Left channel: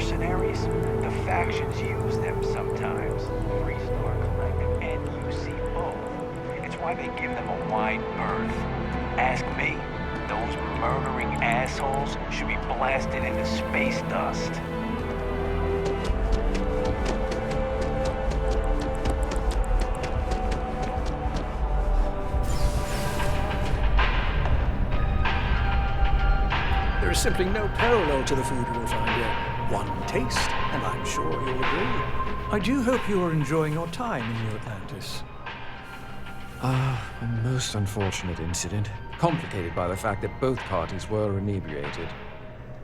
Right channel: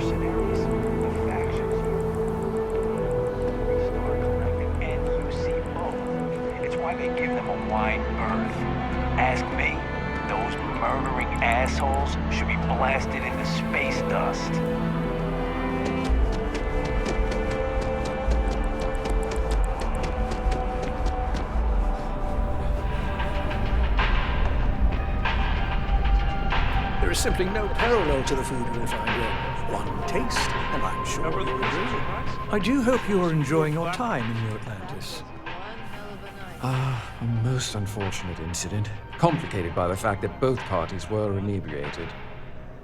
mercenaries? The factions use them sometimes. The Three-Star Collective and UC both. It's why they give them a wide berth. Ask me, those murdering assholes should be blasted into space dust. There is simply no parallel to the food you will find here. One taste, and I'm sure you'll agree. I do hope you are enjoying your time in New Atlantis. A most unfortunate incident, complicated by the fact that both parties were inebriated.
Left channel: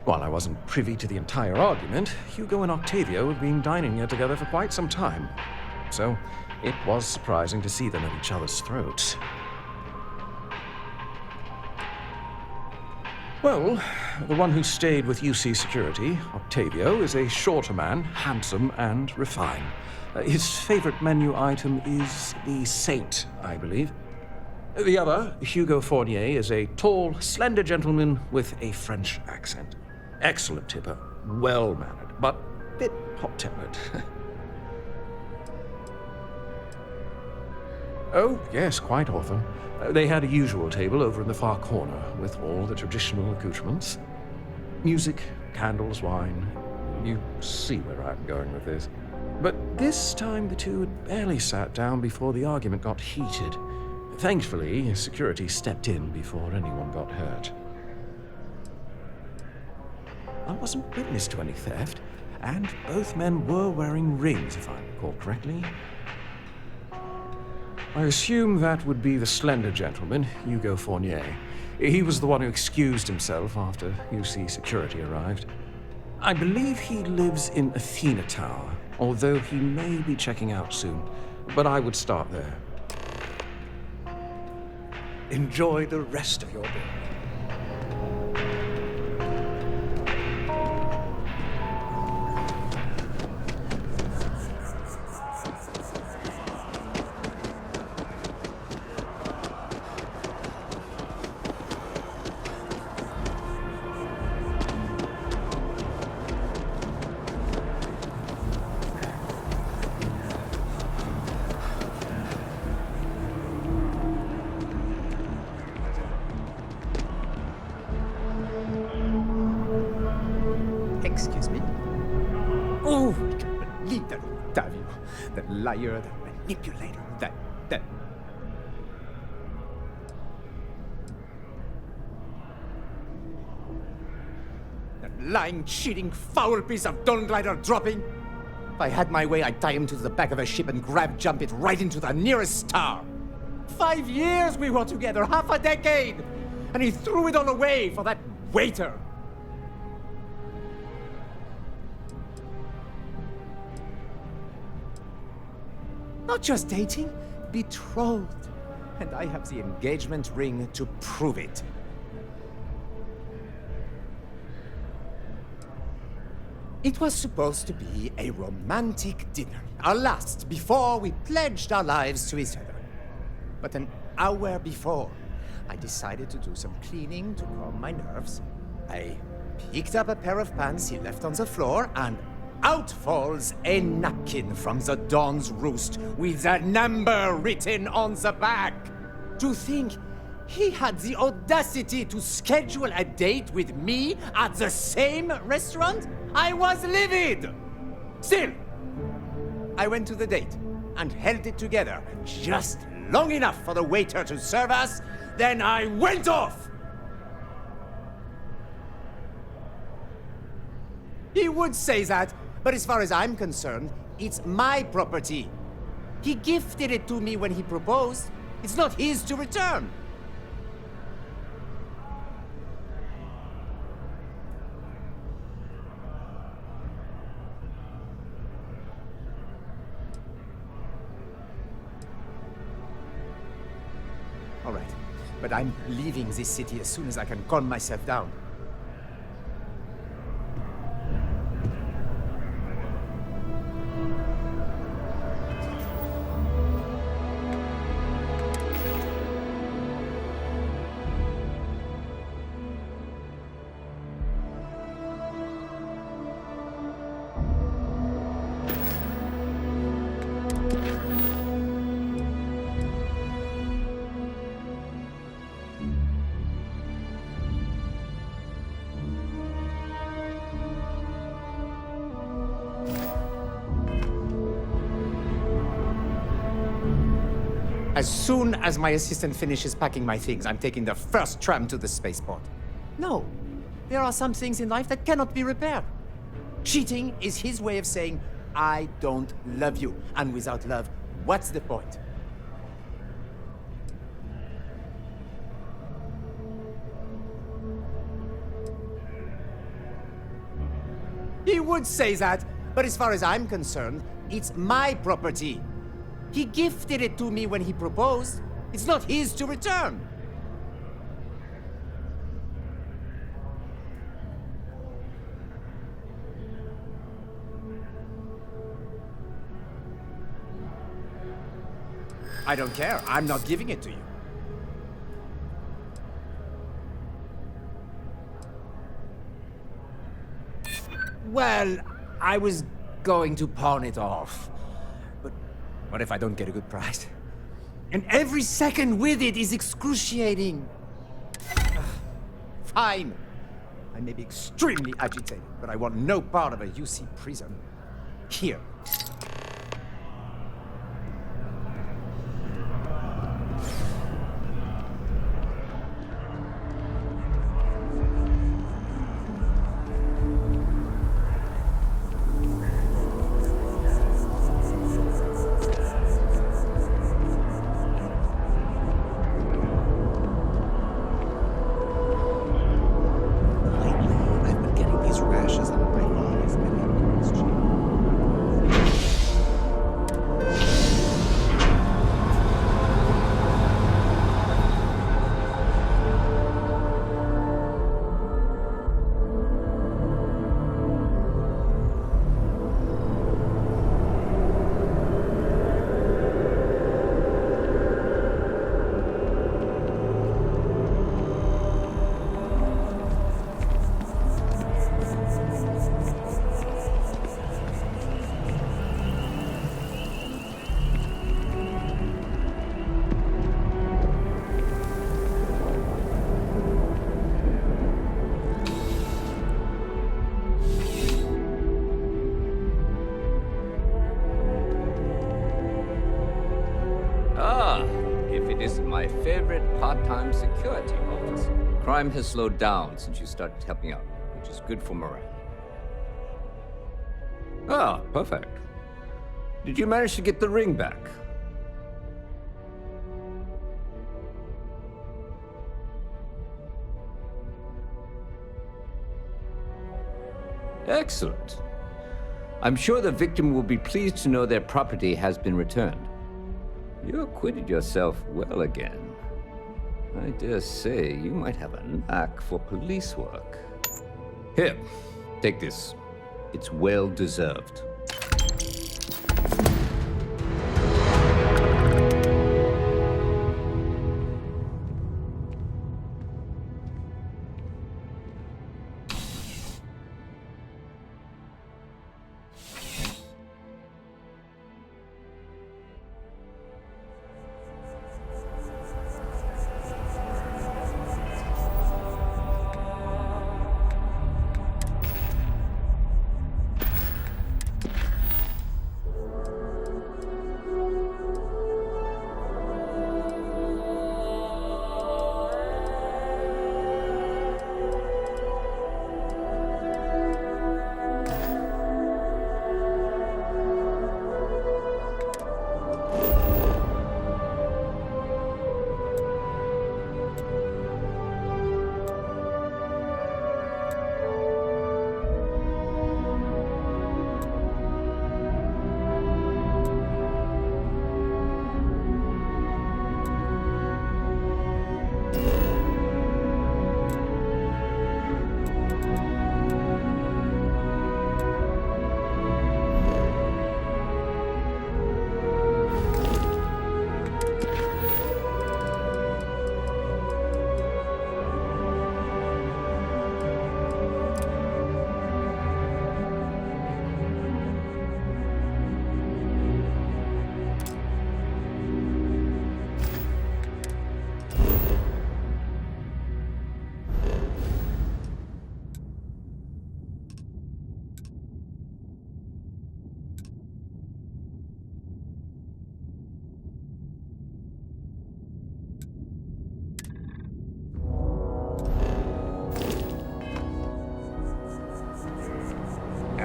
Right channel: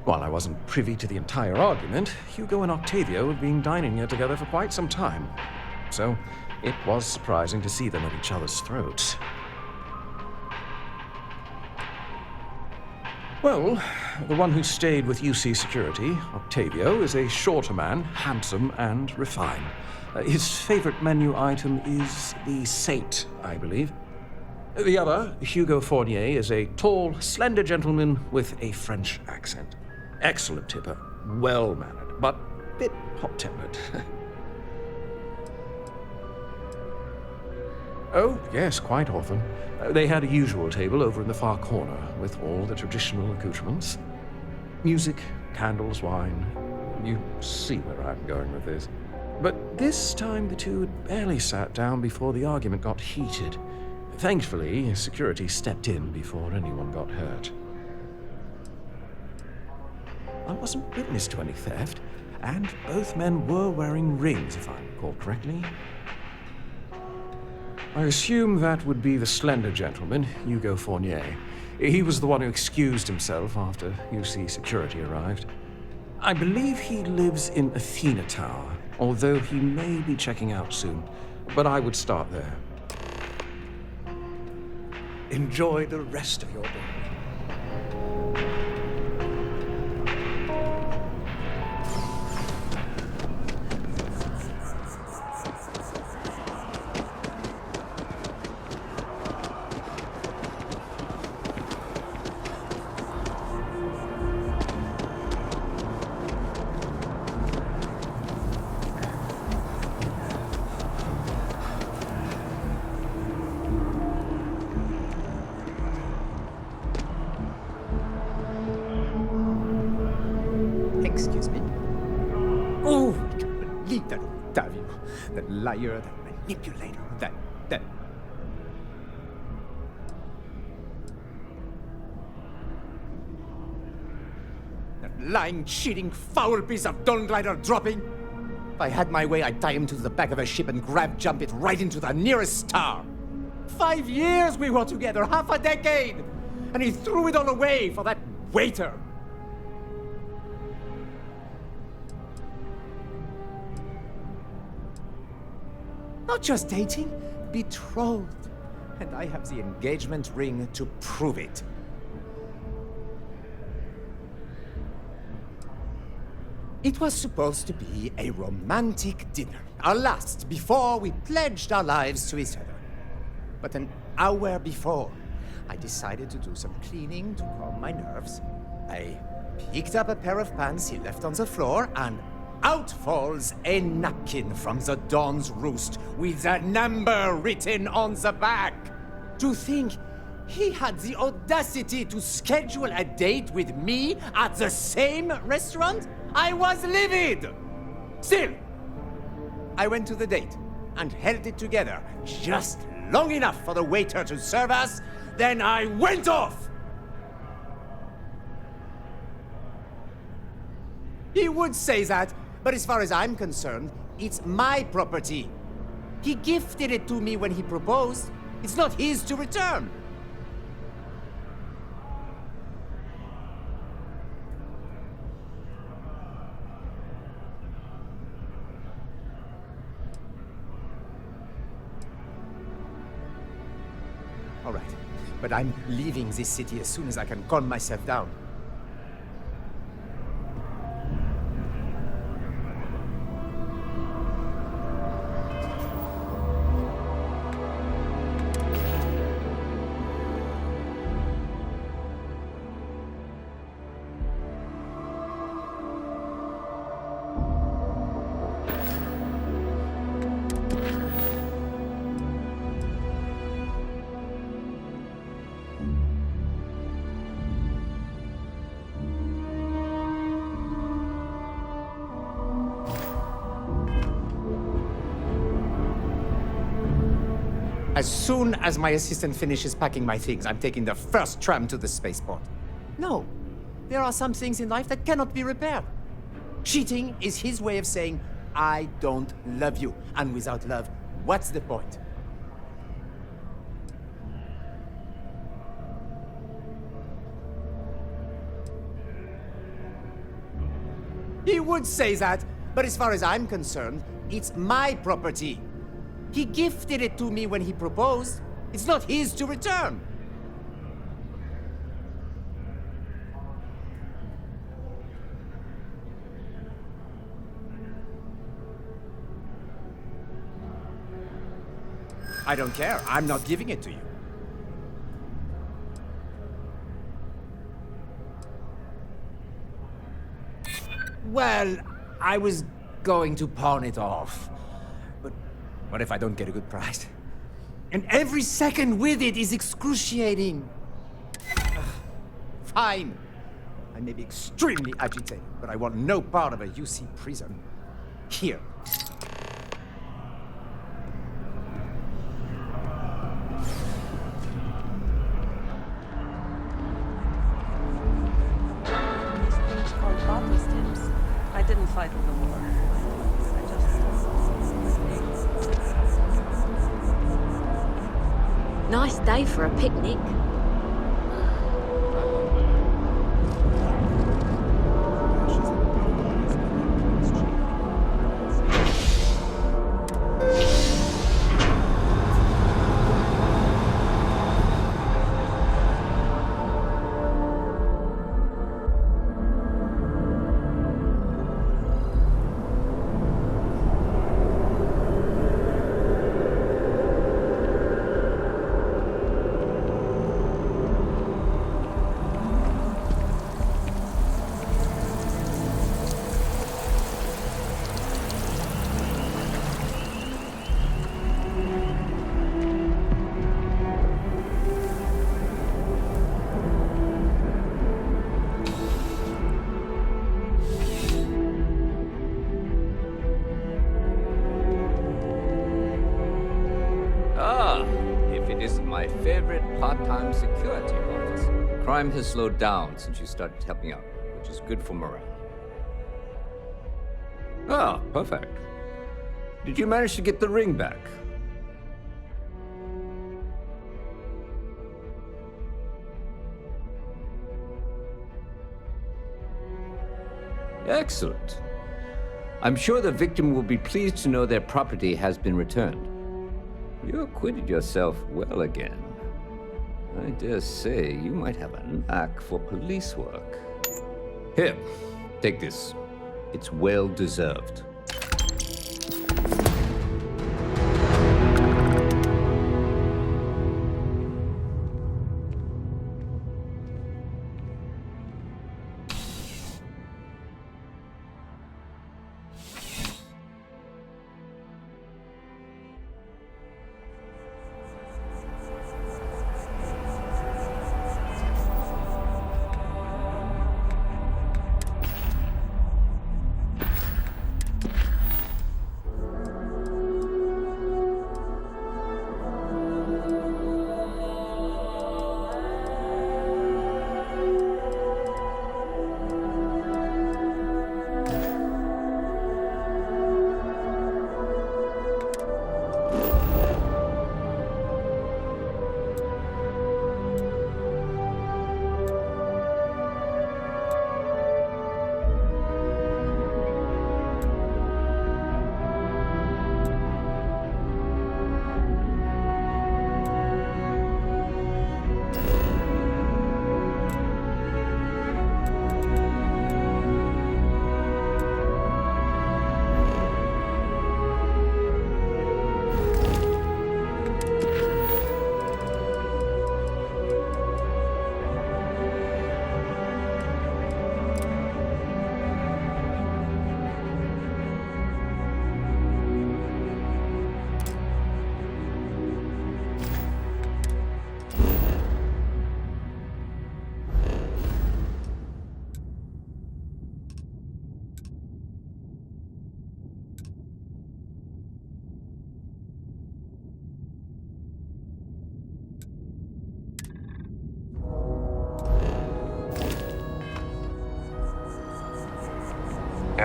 While I wasn't privy to the entire argument, Hugo and Octavio had been dining here together for quite some time. So, it was surprising to see them at each other's throats. Well, the one who stayed with UC Security, Octavio, is a shorter man, handsome and refined. His favorite menu item is the Saint, I believe. The other, Hugo Fournier, is a tall, slender gentleman with a French accent. Excellent tipper, well-mannered, but a bit hot-tempered. Oh, yes, quite often. They had a usual table over in the far corner, with all the traditional accoutrements. Music, candles, wine. You see where I'm going with this. But this time the two had barely sat down before the argument got heated. Thankfully, security stepped in before anyone got hurt. I wasn't witness to any theft, and both men were wearing rings, if I recall correctly. I assume that would be the slender gentleman, Hugo Fournier. He was the one who excused himself after UC security arrived. I believe he lives in Athena Tower, although he may be checking out soon. But I would start there. Enjoy the rest of your day. Excuse me? Oh, I can't believe that Octavio. That liar, that manipulator, that... That lying, cheating, foul piece of Dawn Glider dropping. If I had my way, I'd tie him to the back of a ship and jump it right into the nearest star. 5 years we were together, half a decade! And he threw it all away for that waiter. Not just dating, betrothed. And I have the engagement ring to prove it. It was supposed to be a romantic dinner, our last before we pledged our lives to each other. But an hour before, I decided to do some cleaning to calm my nerves. I picked up a pair of pants he left on the floor, and out falls a napkin from the Dawn's Roost with a number written on the back. To think he had the audacity to schedule a date with me at the same restaurant? I was livid! Still, I went to the date and held it together just long enough for the waiter to serve us, then I went off! He would say that, but as far as I'm concerned, it's my property. He gifted it to me when he proposed. It's not his to return. All right, but I'm leaving this city as soon as I can calm myself down. As soon as my assistant finishes packing my things, I'm taking the first tram to the spaceport. No, there are some things in life that cannot be repaired. Cheating is his way of saying, I don't love you. And without love, what's the point? He would say that, but as far as I'm concerned, it's my property. He gifted it to me when he proposed. It's not his to return. I don't care. I'm not giving it to you. Well, I was going to pawn it off. But what if I don't get a good price? And every second with it is excruciating. Ugh. Fine. I may be extremely agitated, but I want no part of a UC prison. Here. I didn't fight them. Nice day for a picnic. I'm getting these rashes on my body from an impulse cheap. If it isn't my favorite part-time security office. Crime has slowed down since you started helping out, which is good for morale. Ah, perfect. Did you manage to get the ring back? Excellent. I'm sure the victim will be pleased to know their property has been returned. You acquitted yourself well again. I dare say you might have a knack for police work. Here, take this. It's well deserved.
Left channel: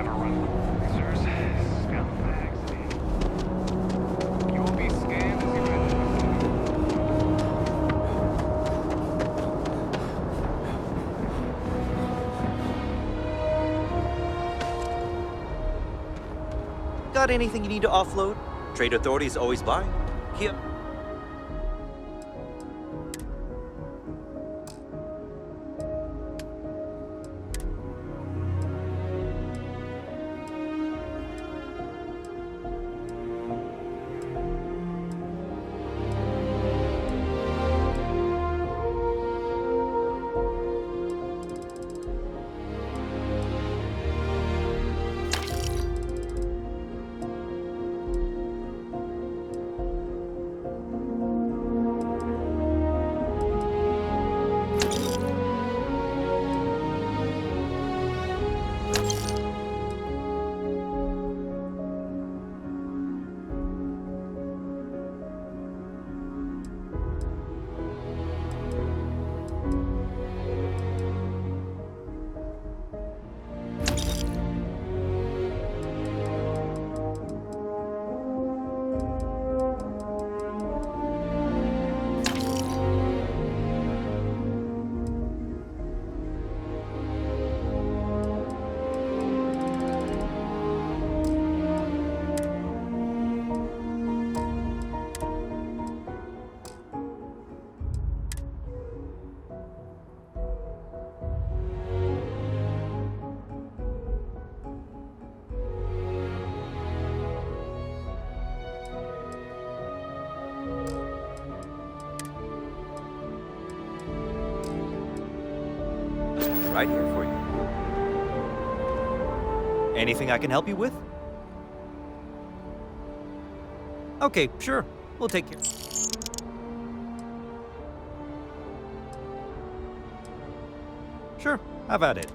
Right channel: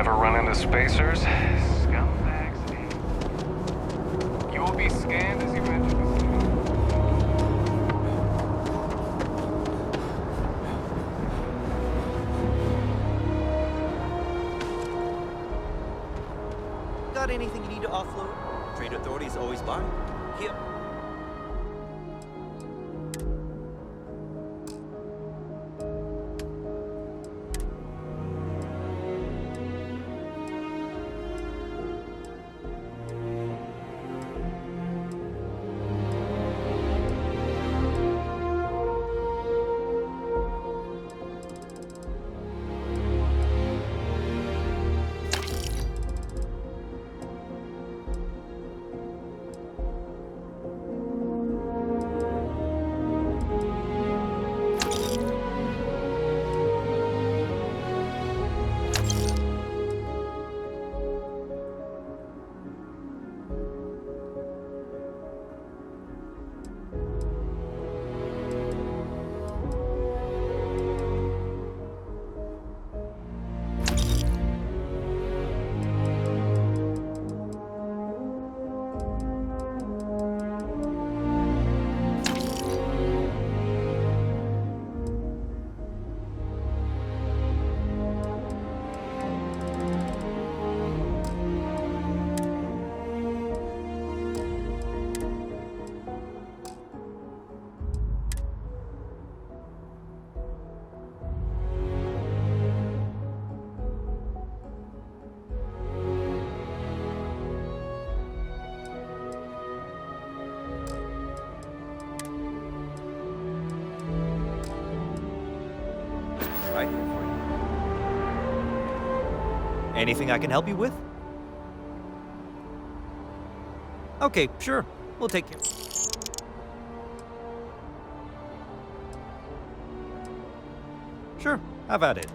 Ever run into spacers? Scumbags. You will be scanned as you enter the city. Got anything you need to offload? Trade Authority is always buying. Here. Right here for you. Anything I can help you with? Okay, sure. We'll take care. Sure, have at it.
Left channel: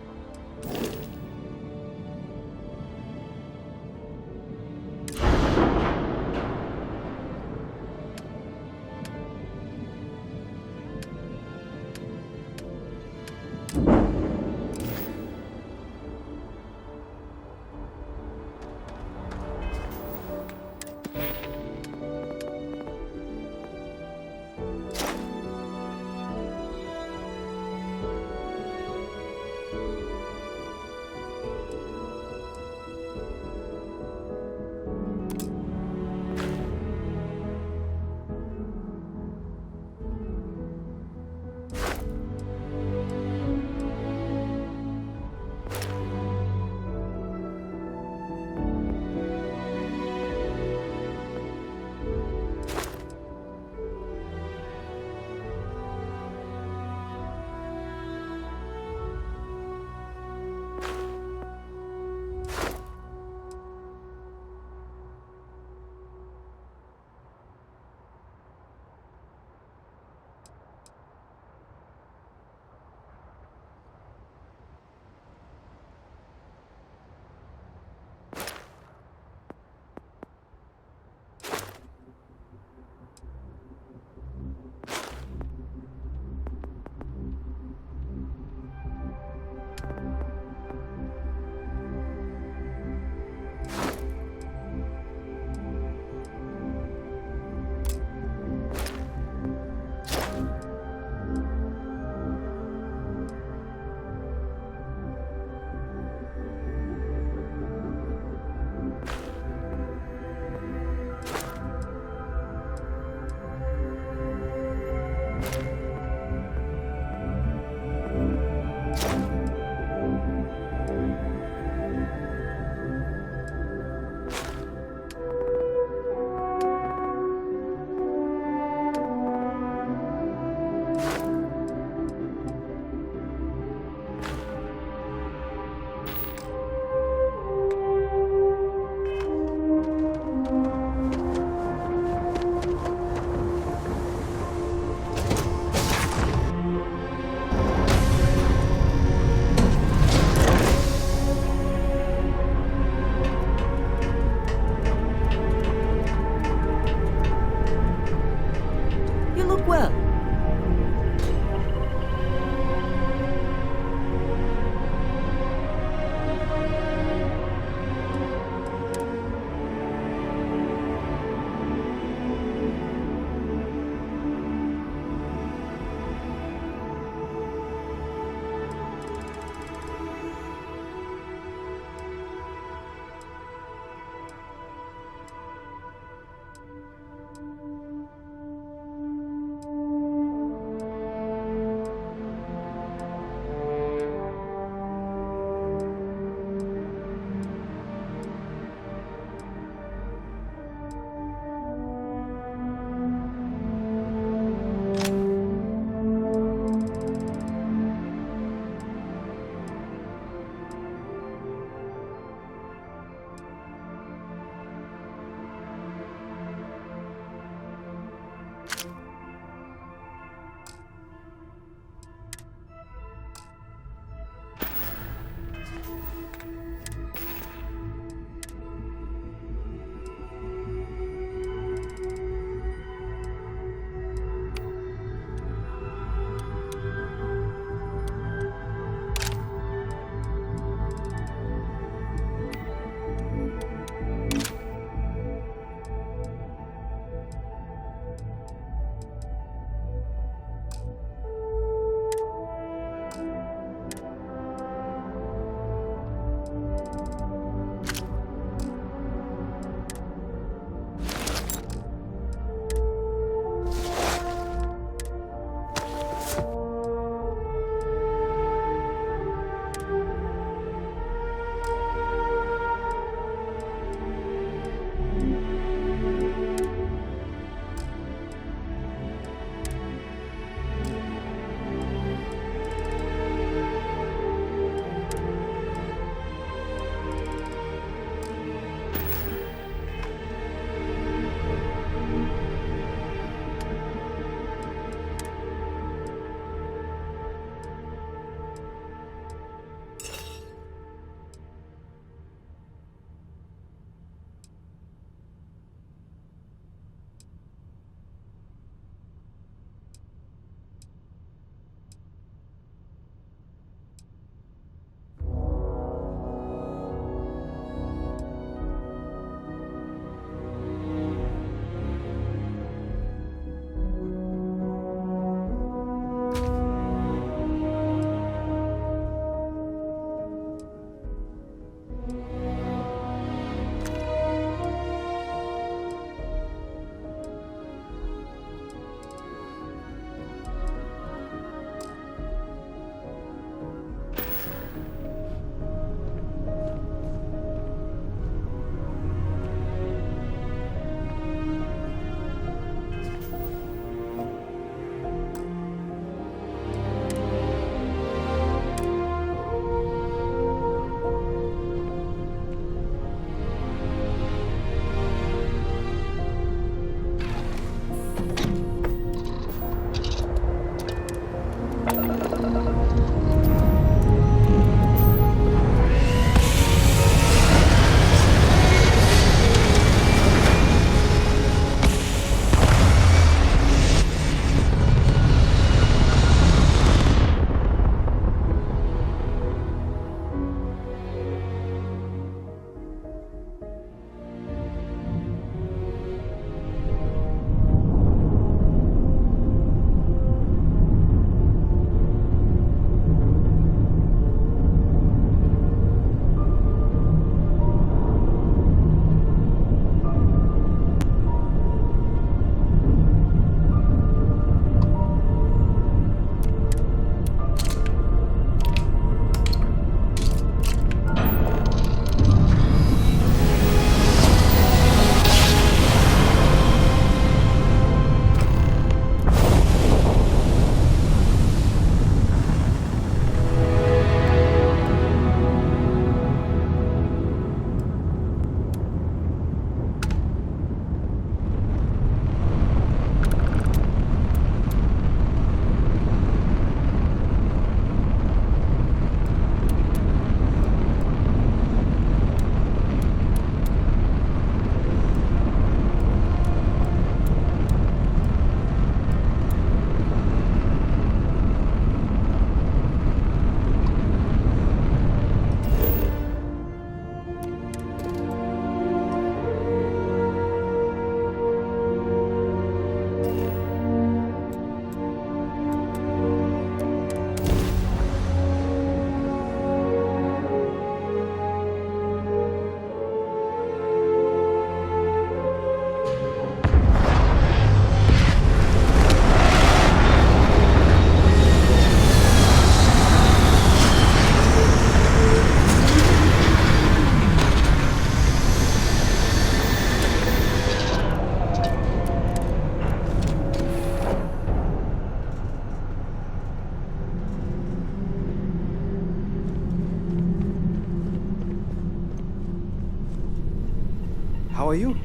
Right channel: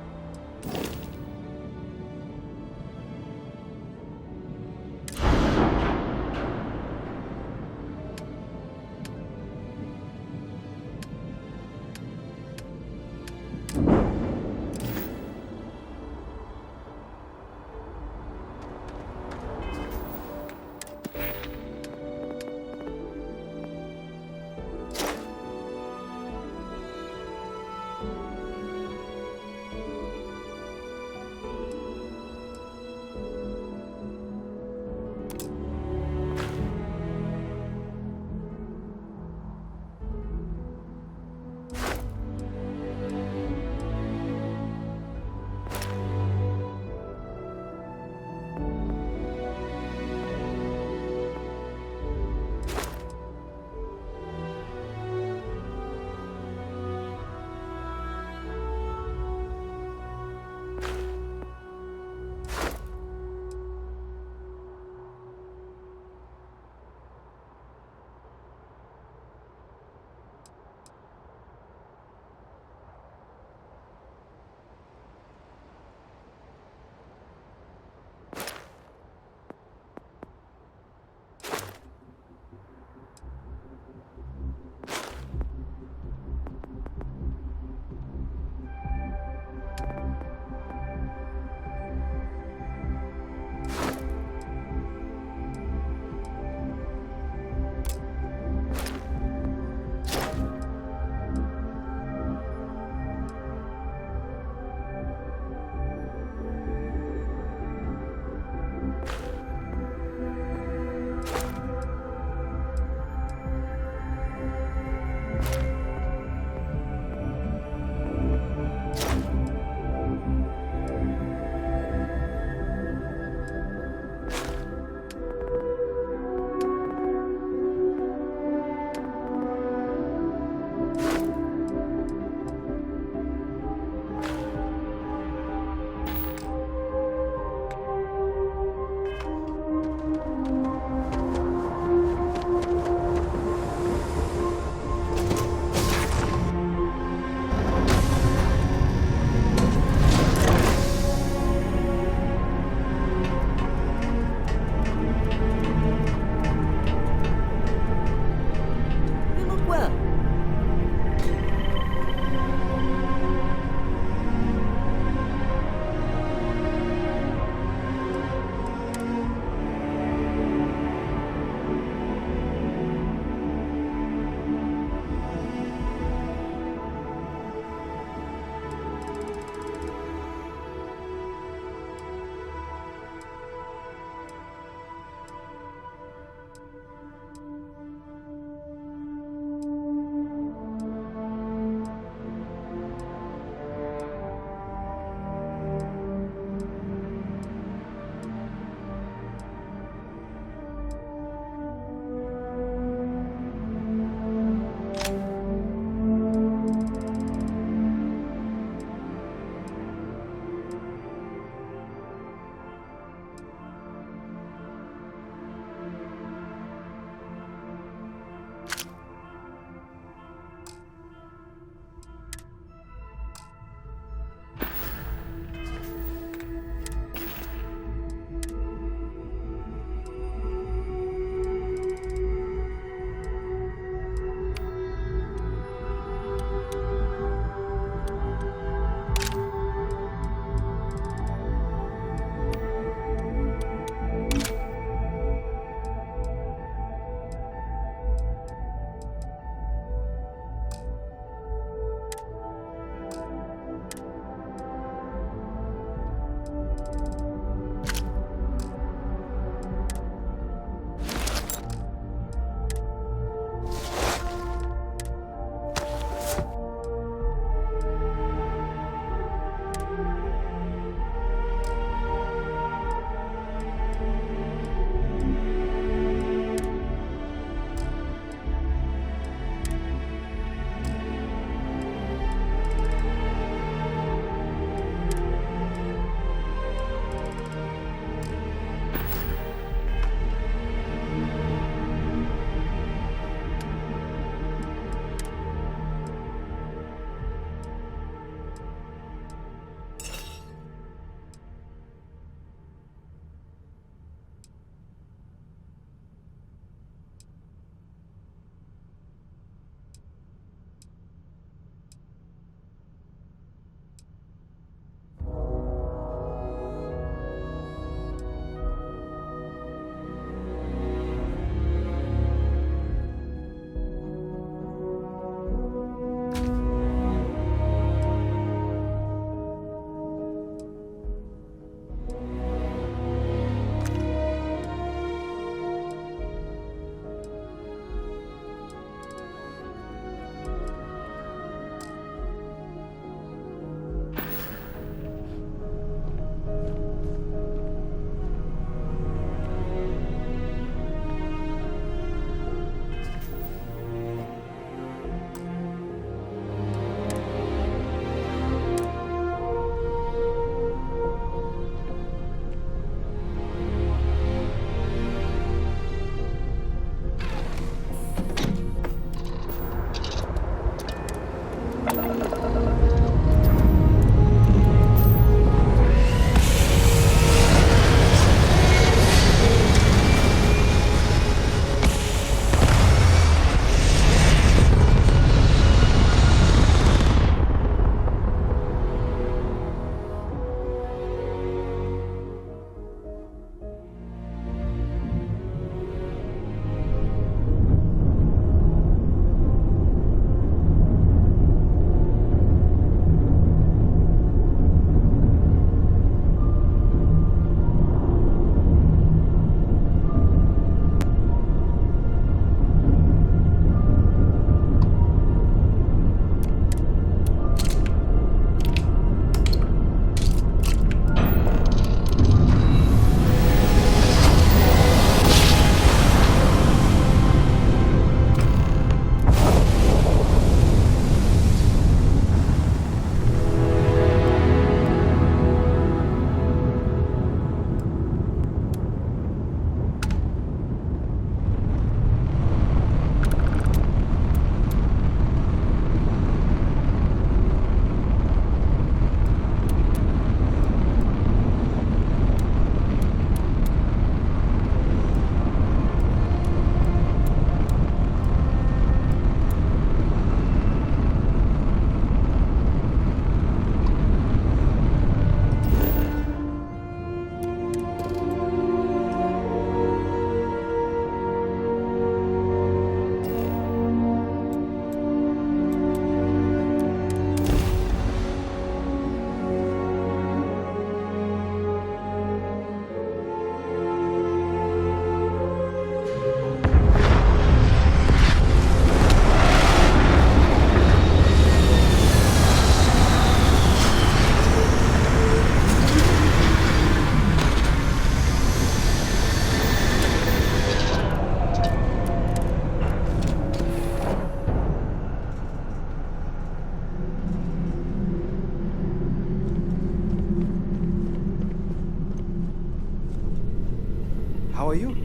How are you?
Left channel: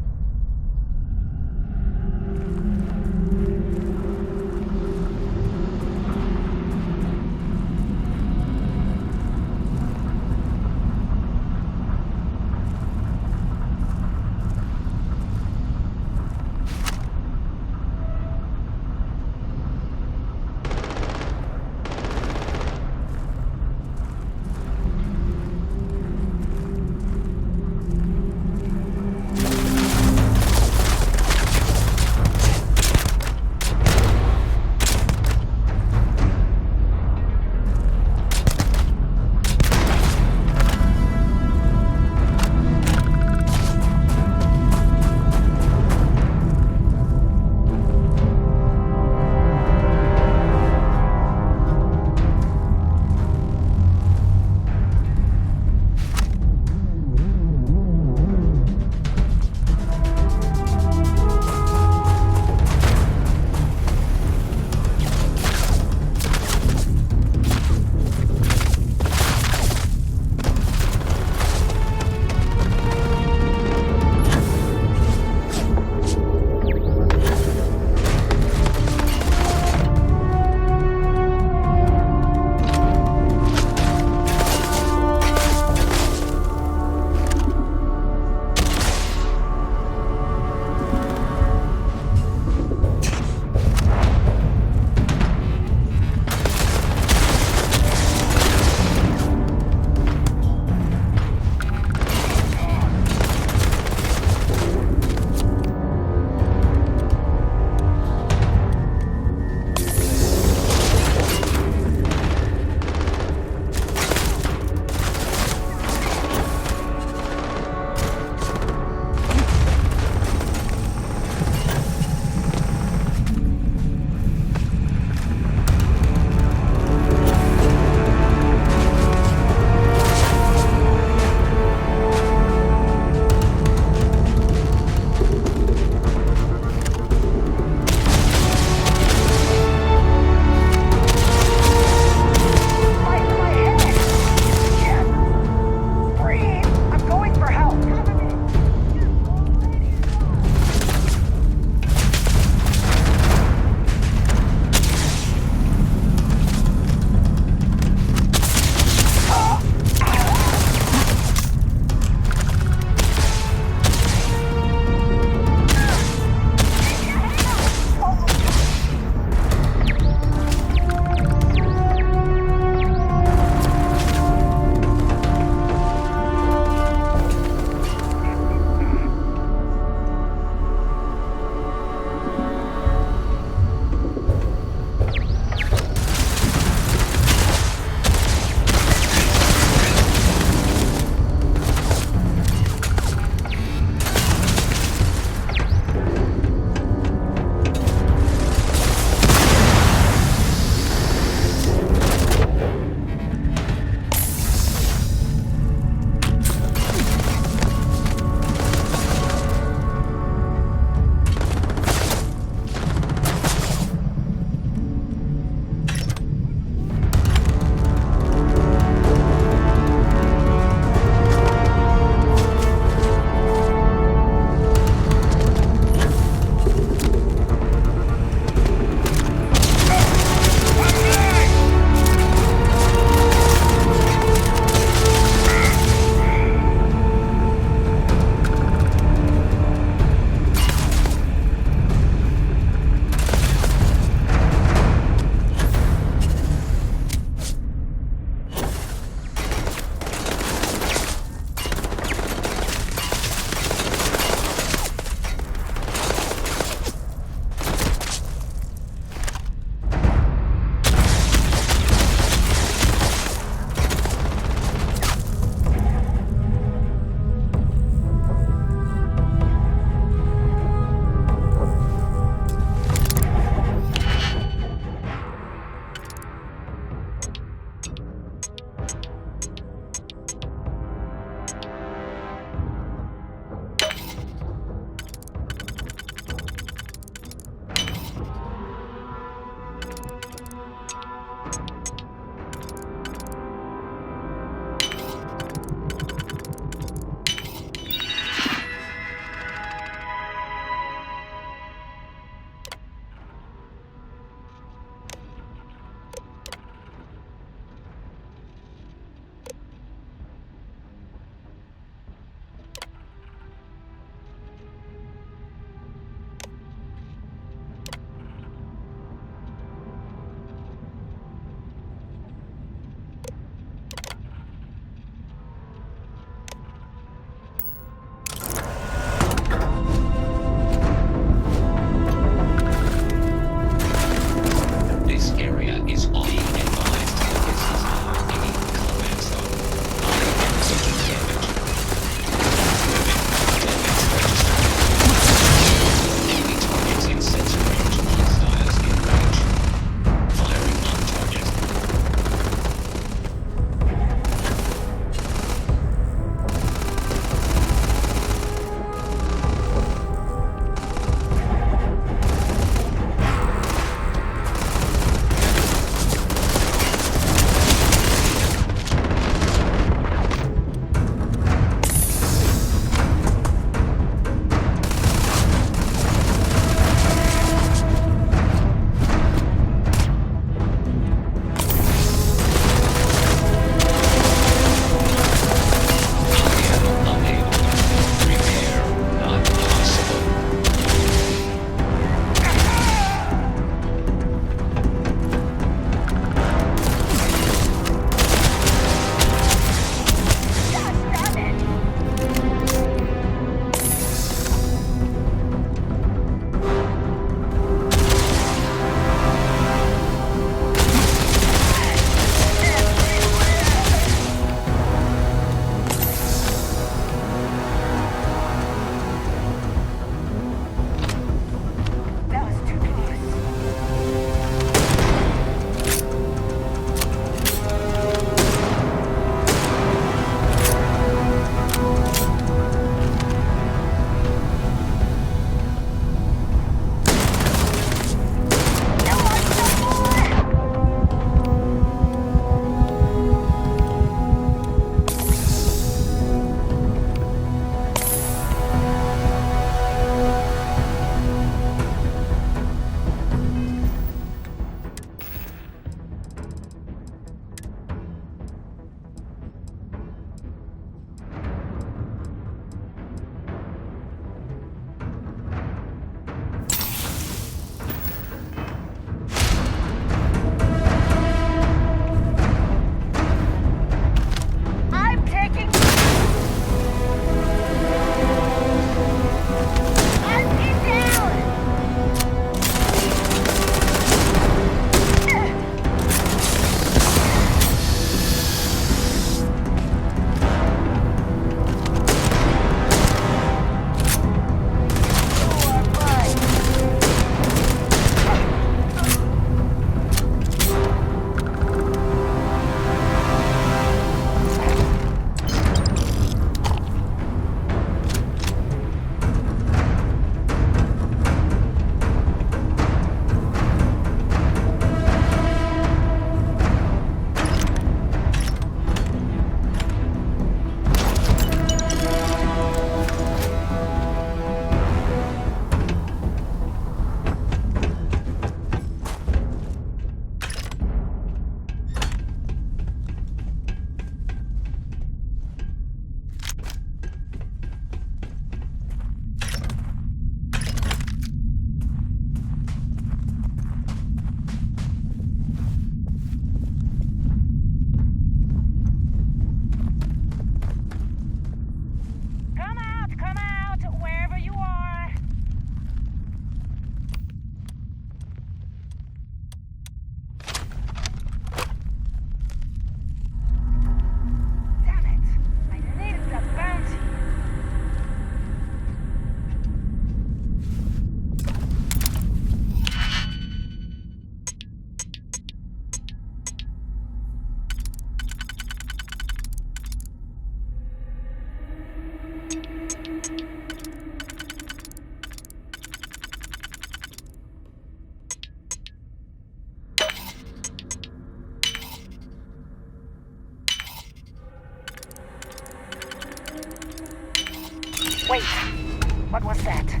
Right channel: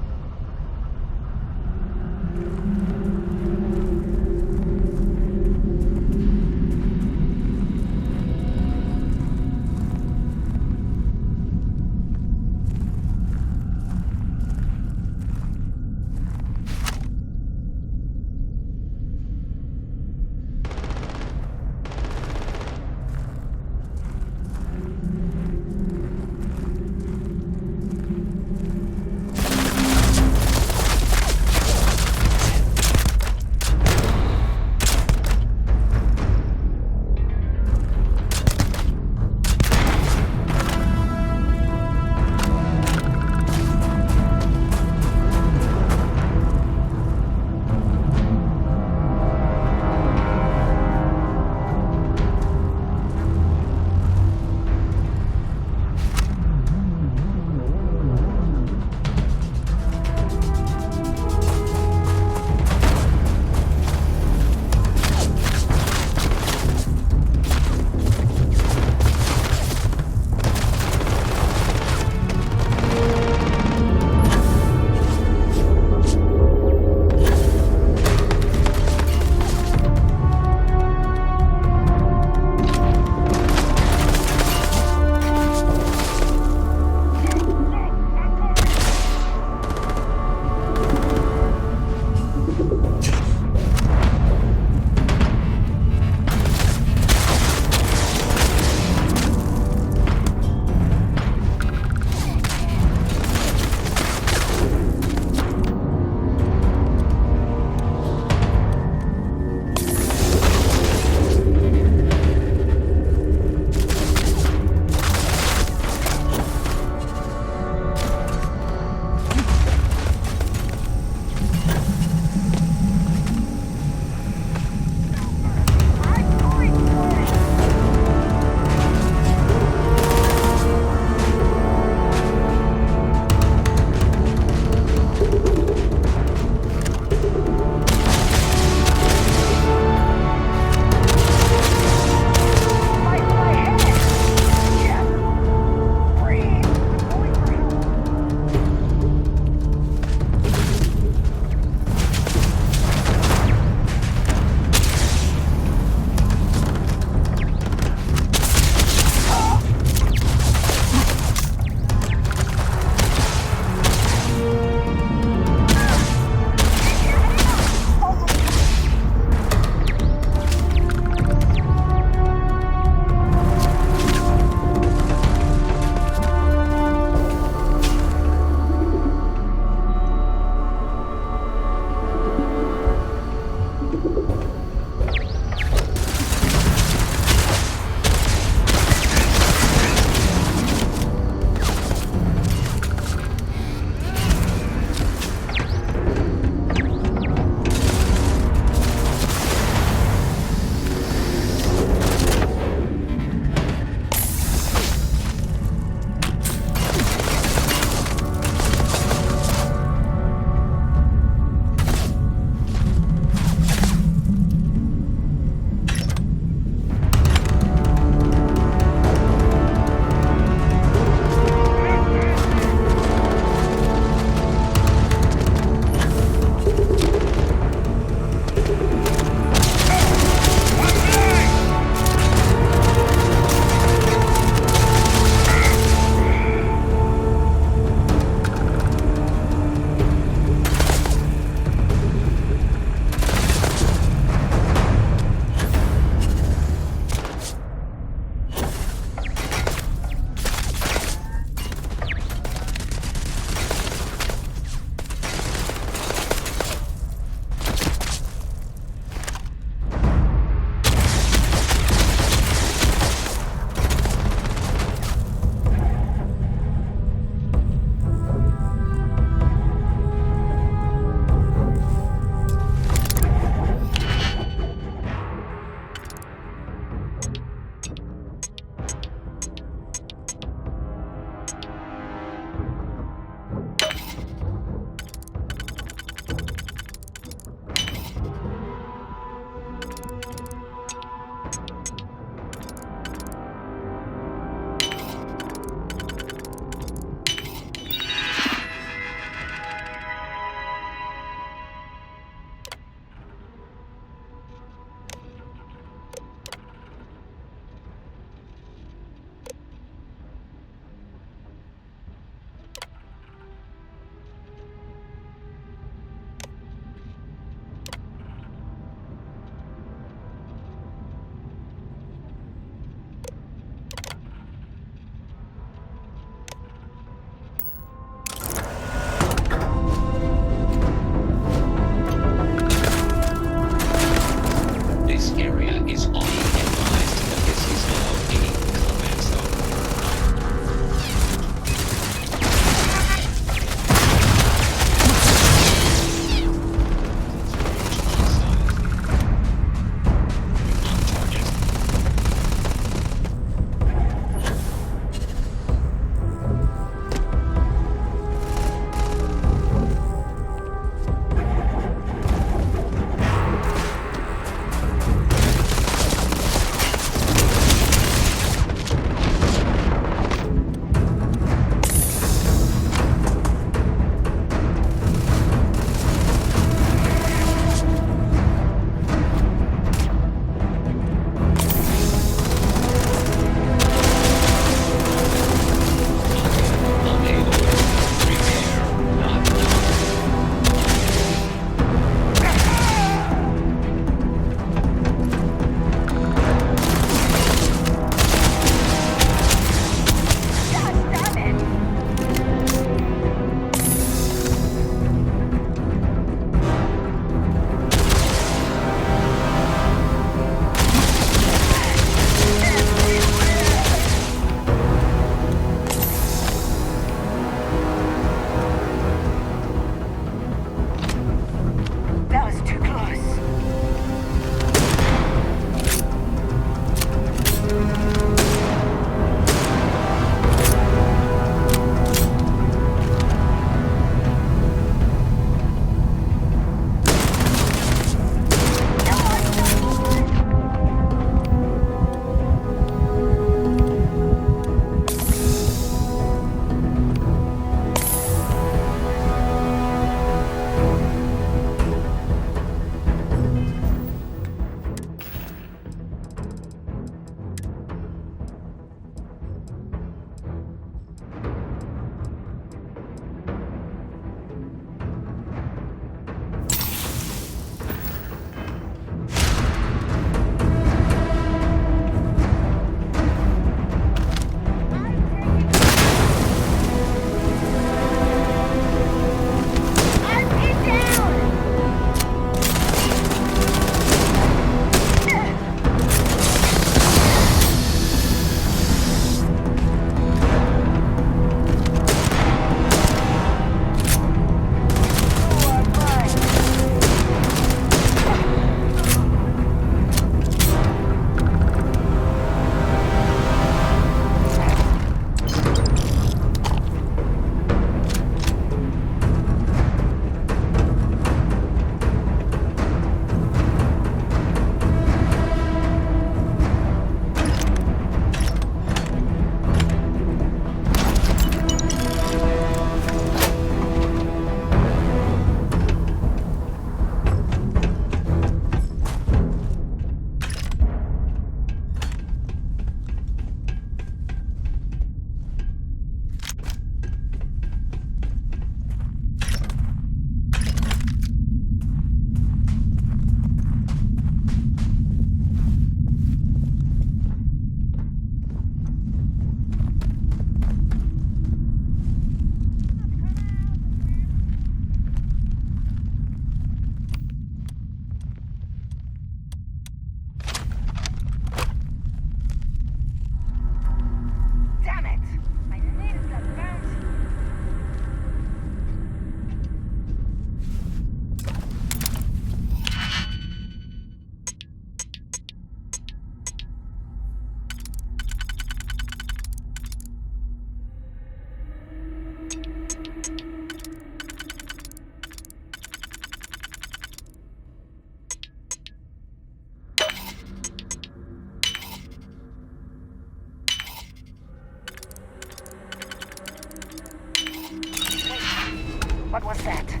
What was that?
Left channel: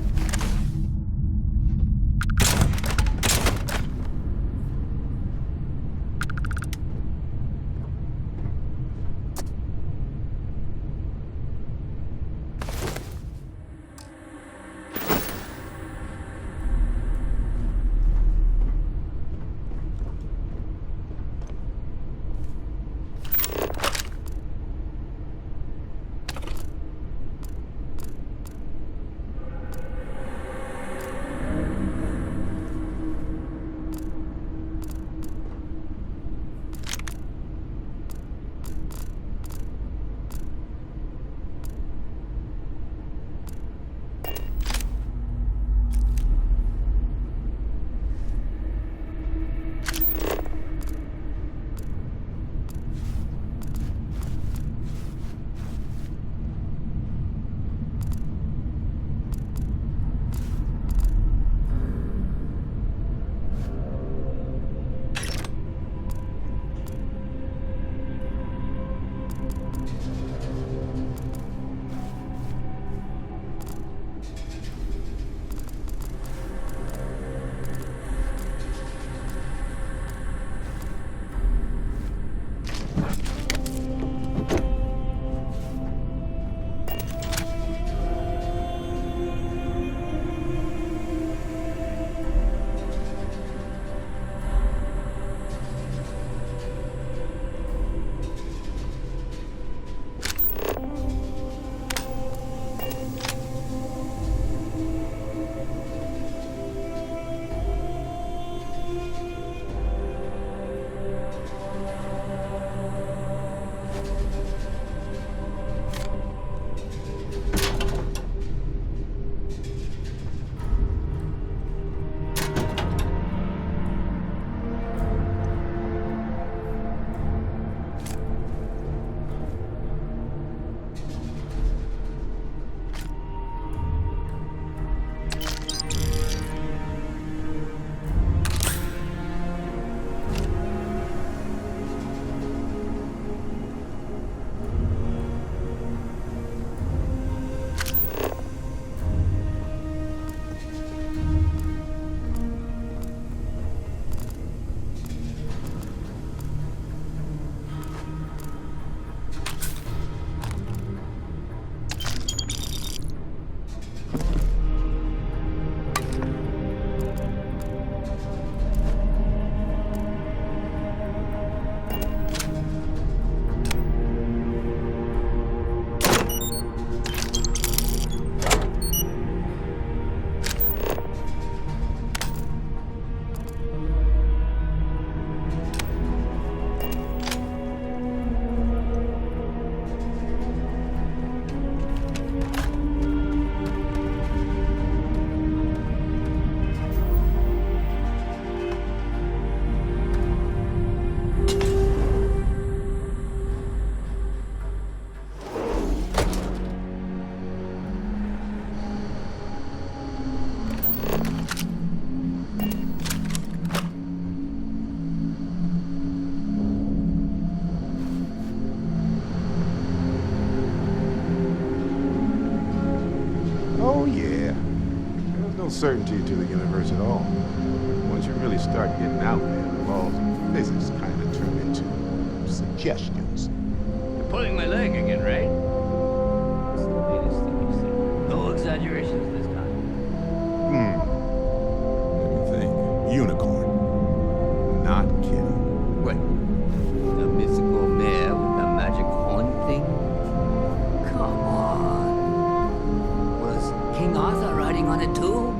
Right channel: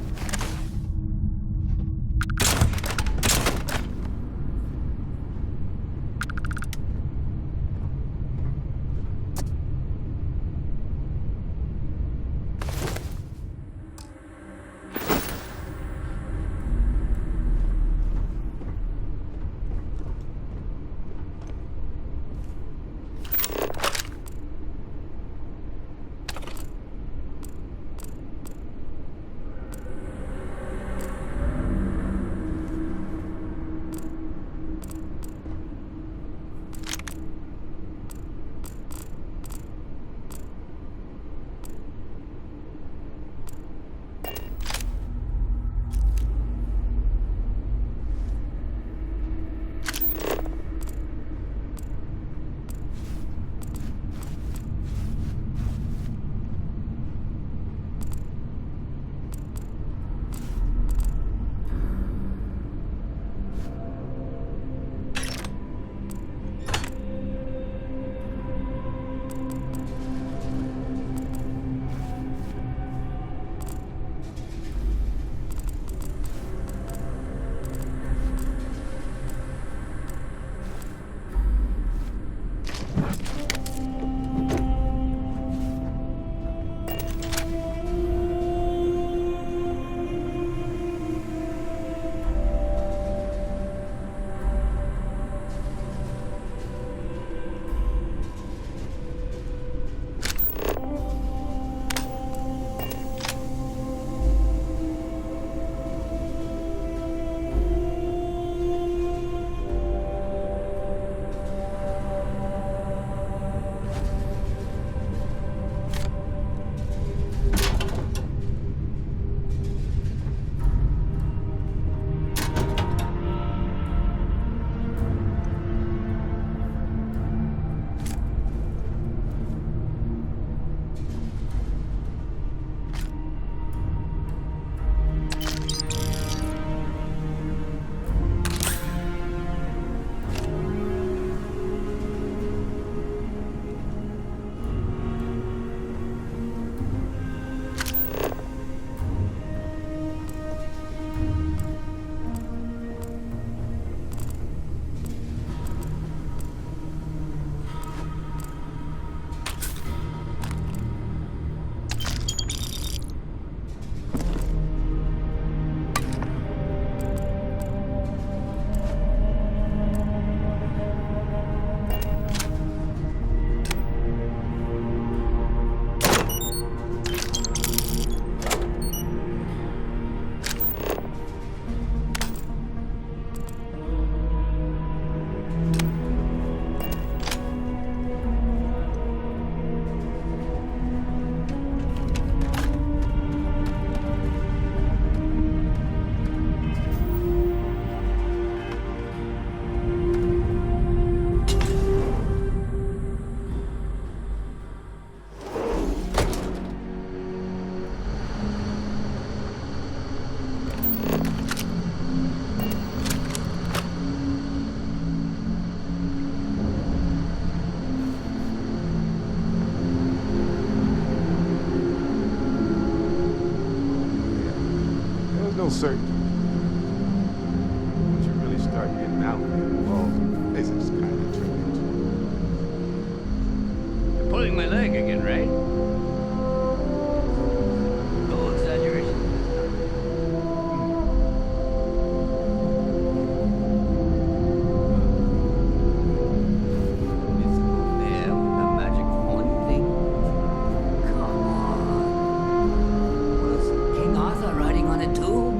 no certainty to the universe at all. Once you really start getting out there, the laws of physics kind of turn into suggestions. You're pulling my leg again, right? No exaggeration this time. Unicorn. Not kidding. What? The mythical mare with the magic horn thing? Come on. Was King Arthur riding on it too?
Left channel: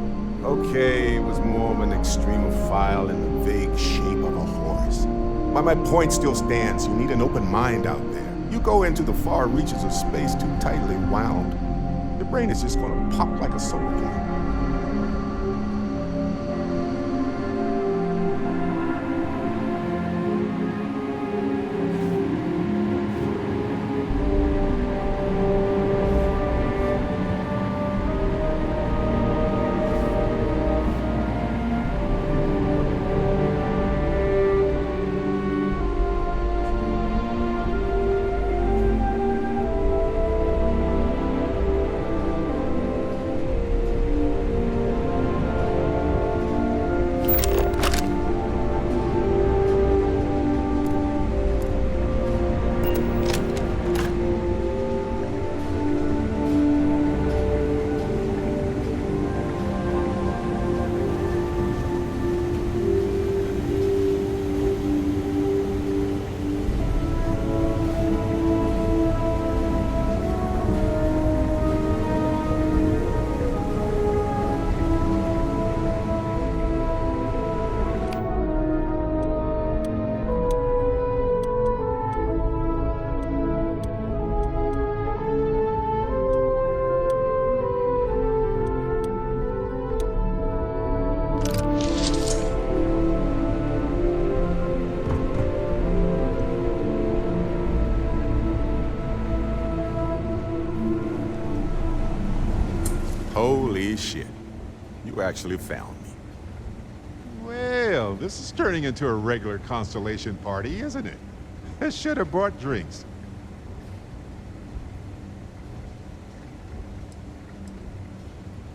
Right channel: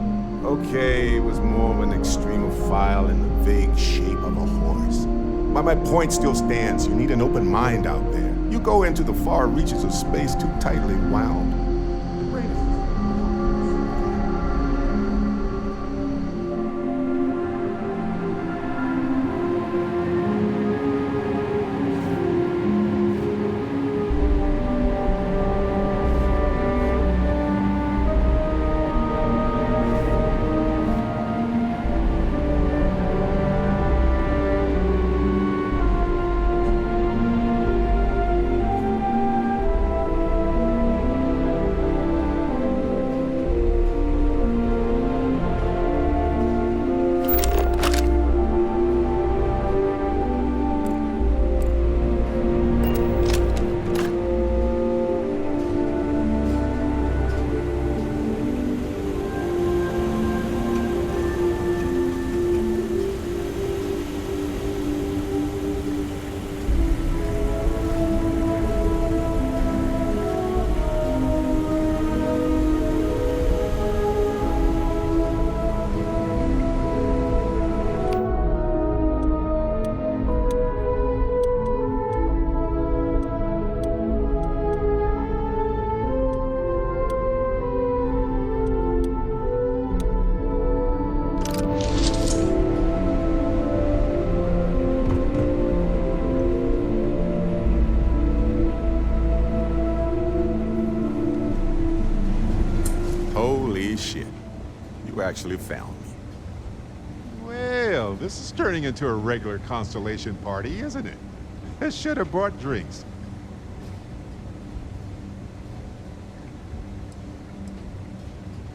Okay, it was more of an extremophile in the vague shape of a horse. But my point still stands. You need an open mind out there. You go into the far reaches of space too tightly wound, your brain is just gonna pop like a soda can. Holy shit. You actually found me. Well, this is turning into a regular Constellation party, isn't it? I should have brought drinks.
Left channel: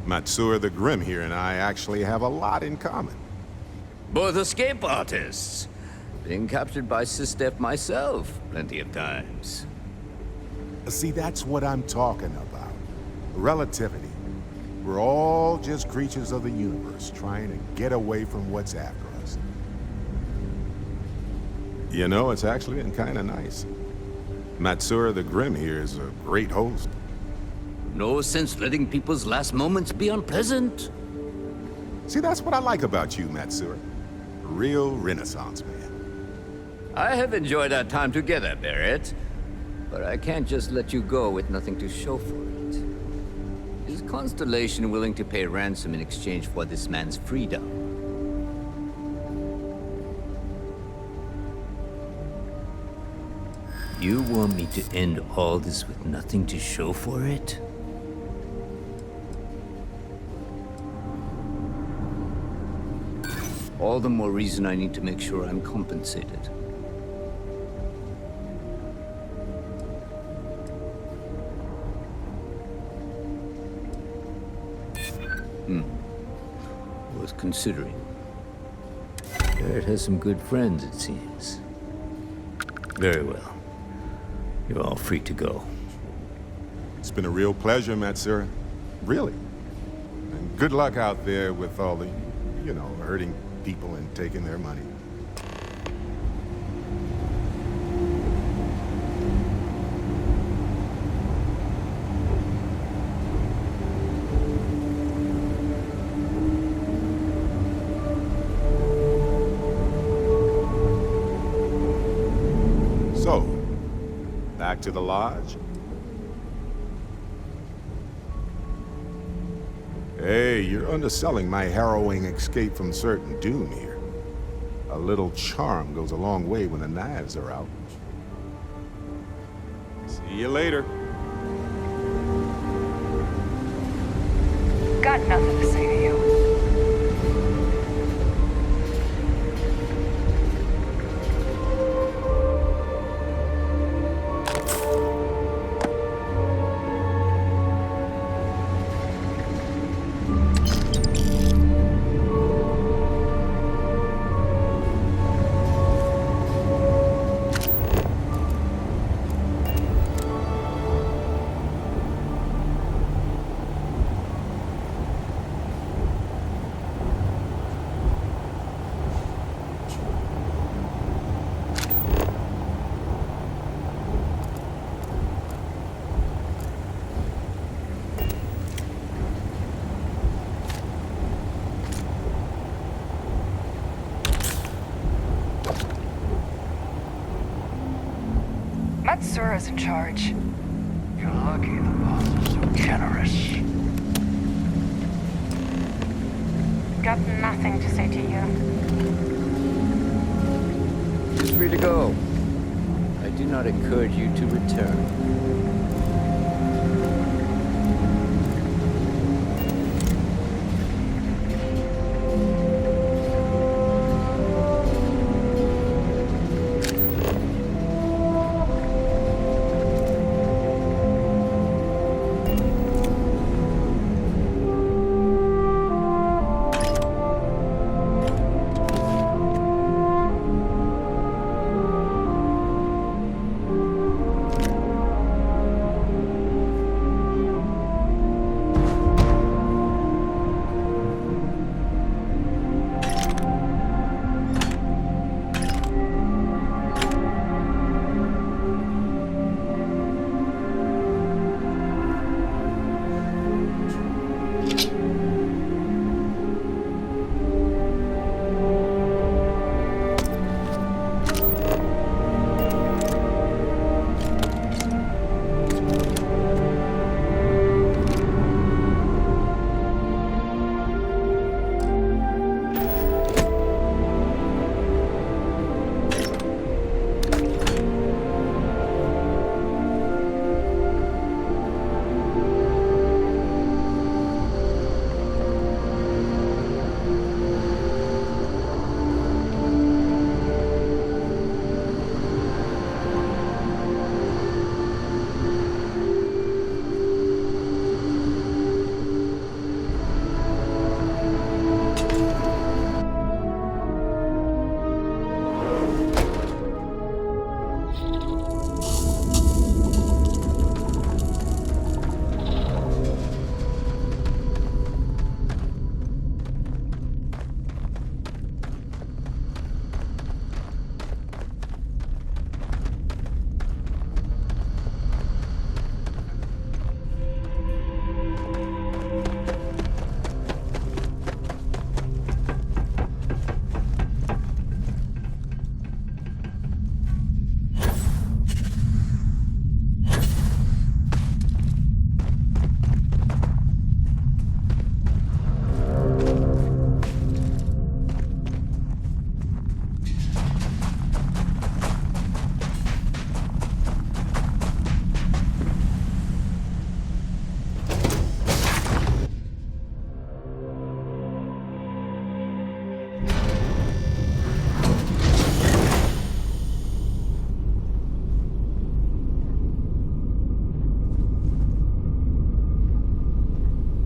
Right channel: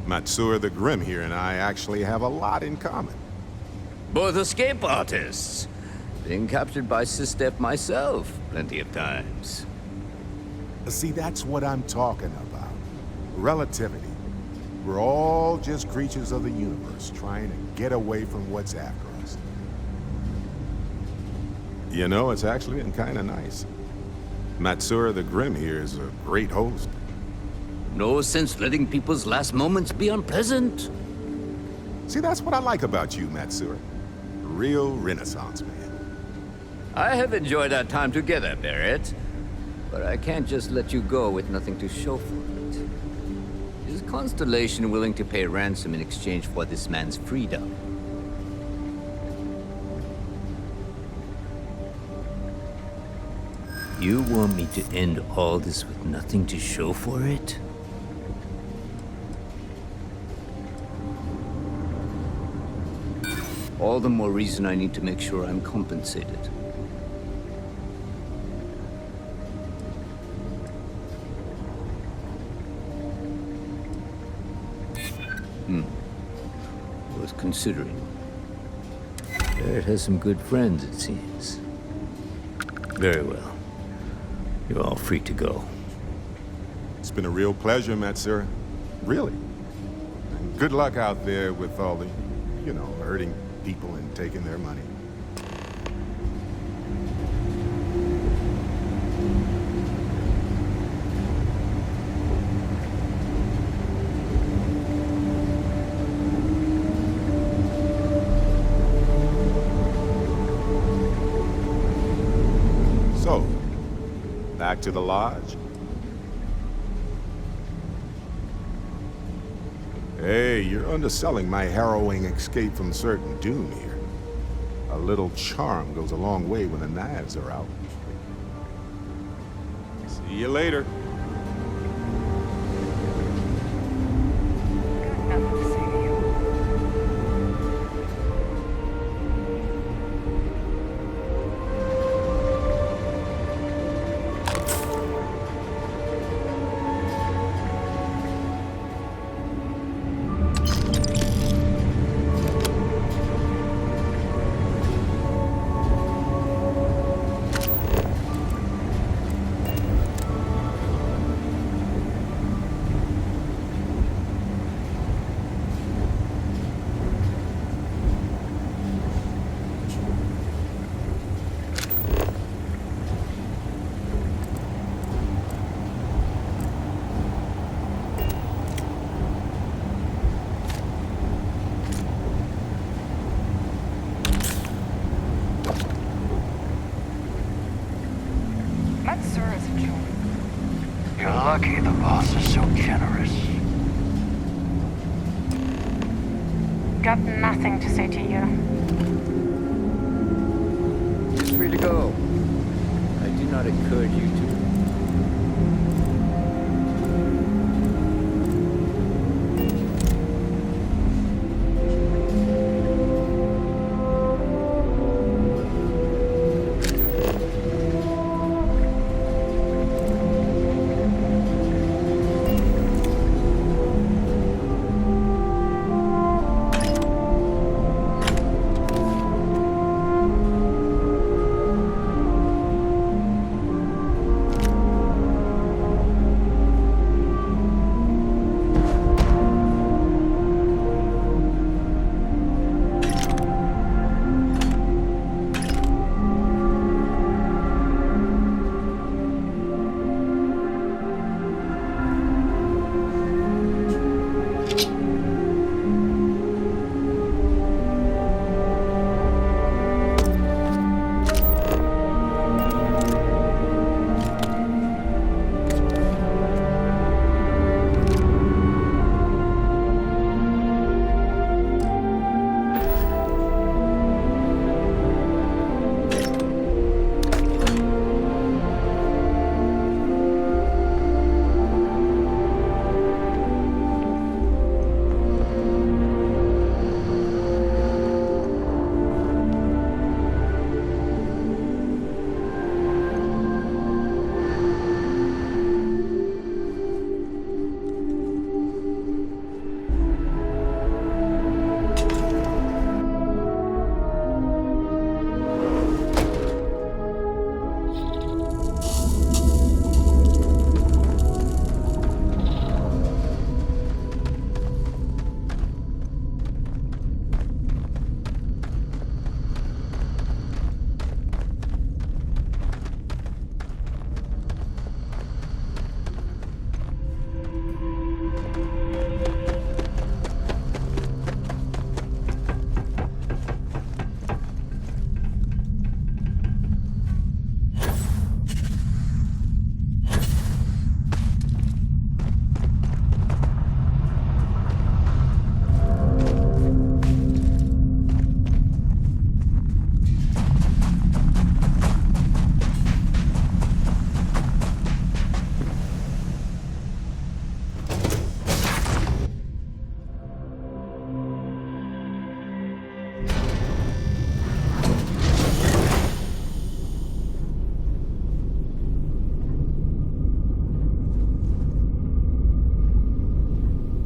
Matsura the Grim here and I actually have a lot in common. Both escape artists. Being captured by Sistef myself plenty of times. See, that's what I'm talking about. Relativity. We're all just creatures of the universe trying to get away from what's after us. You know, it's actually been kind of nice. Matsura the Grim here is a great host. No sense letting people's last moments be unpleasant. See, that's what I like about you, Matsura. A real Renaissance man. I have enjoyed our time together, Barrett. But I can't just let you go with nothing to show for it. Is Constellation willing to pay ransom in exchange for this man's freedom? You want me to end all this with nothing to show for it? All the more reason I need to make sure I'm compensated. Was considering. Barrett has some good friends, it seems. Very well. You're all free to go. It's been a real pleasure, Matsura. Really. And good luck out there with all the, you know, hurting people and taking their money. So, back to the lodge? Hey, you're underselling my harrowing escape from certain doom here. A little charm goes a long way when the knives are out. See you later. Got nothing to say to you. Matsura's in charge. You're lucky the boss is so generous. Got nothing to say to you. He's free to go. I do not encourage you to return.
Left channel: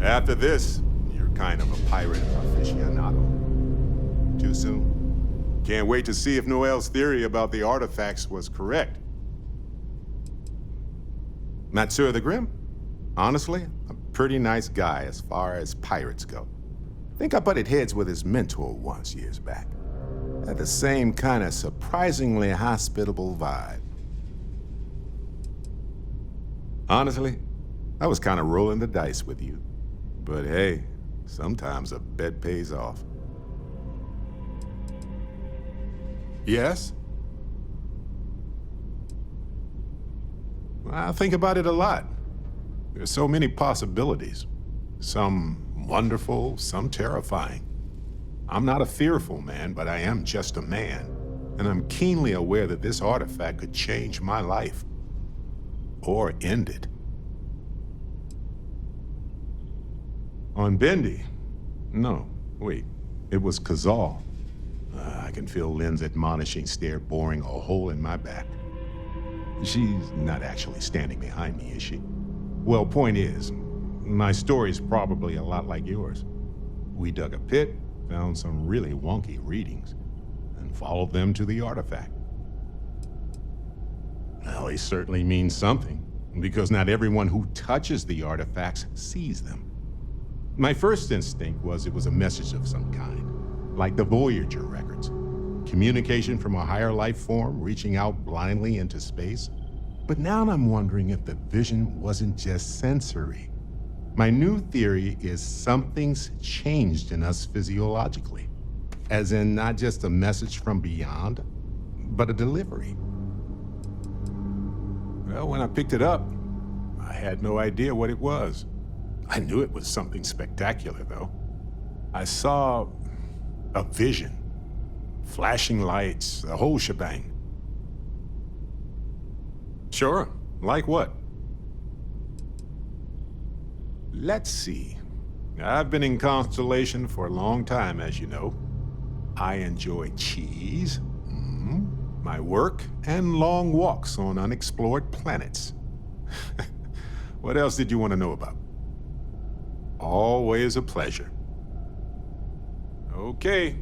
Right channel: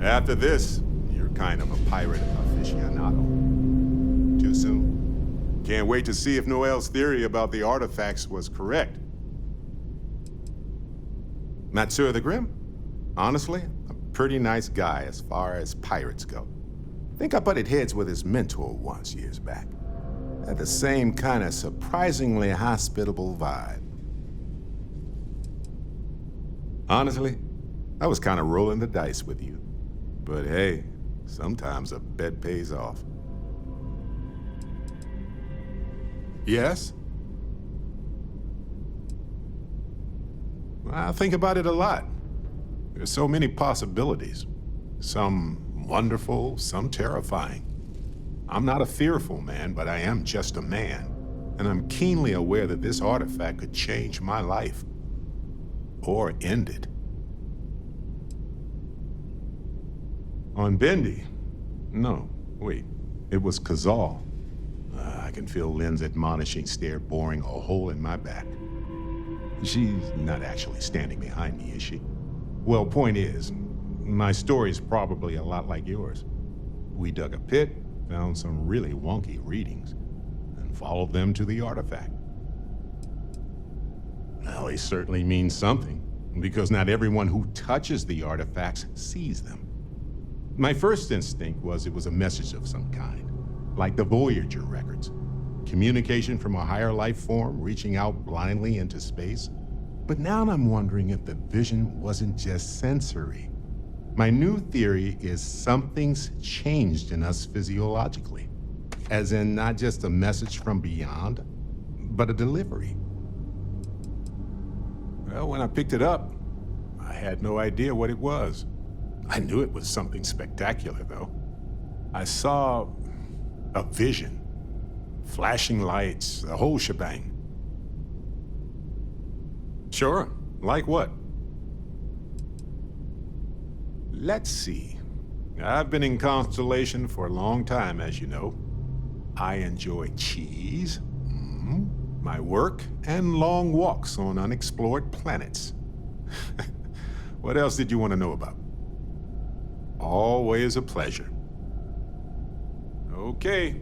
After this, you're kind of a pirate aficionado. Too soon? Can't wait to see if Noel's theory about the artifacts was correct. Matsur the Grim? Honestly, a pretty nice guy as far as pirates go. Think I butted heads with his mentor once years back. Had the same kind of surprisingly hospitable vibe. Honestly, I was kind of rolling the dice with you. But hey, sometimes a bet pays off. Yes? I think about it a lot. There's so many possibilities. Some wonderful, some terrifying. I'm not a fearful man, but I am just a man. And I'm keenly aware that this artifact could change my life. Or end it. On Bendy? No, wait. It was Kazal. I can feel Lynn's admonishing stare boring a hole in my back. She's not actually standing behind me, is she? Well, point is, my story's probably a lot like yours. We dug a pit, found some really wonky readings, and followed them to the artifact. Well, they certainly mean something, because not everyone who touches the artifacts sees them. My first instinct was it was a message of some kind, like the Voyager records. Communication from a higher life form reaching out blindly into space. But now I'm wondering if the vision wasn't just sensory. My new theory is something's changed in us physiologically. As in not just a message from beyond, but a delivery. Well, when I picked it up, I had no idea what it was. I knew it was something spectacular, though. I saw a vision. Flashing lights, the whole shebang. Sure, like what? Let's see. I've been in Constellation for a long time, as you know. I enjoy cheese, my work, and long walks on unexplored planets. What else did you want to know about? Always a pleasure. Okay.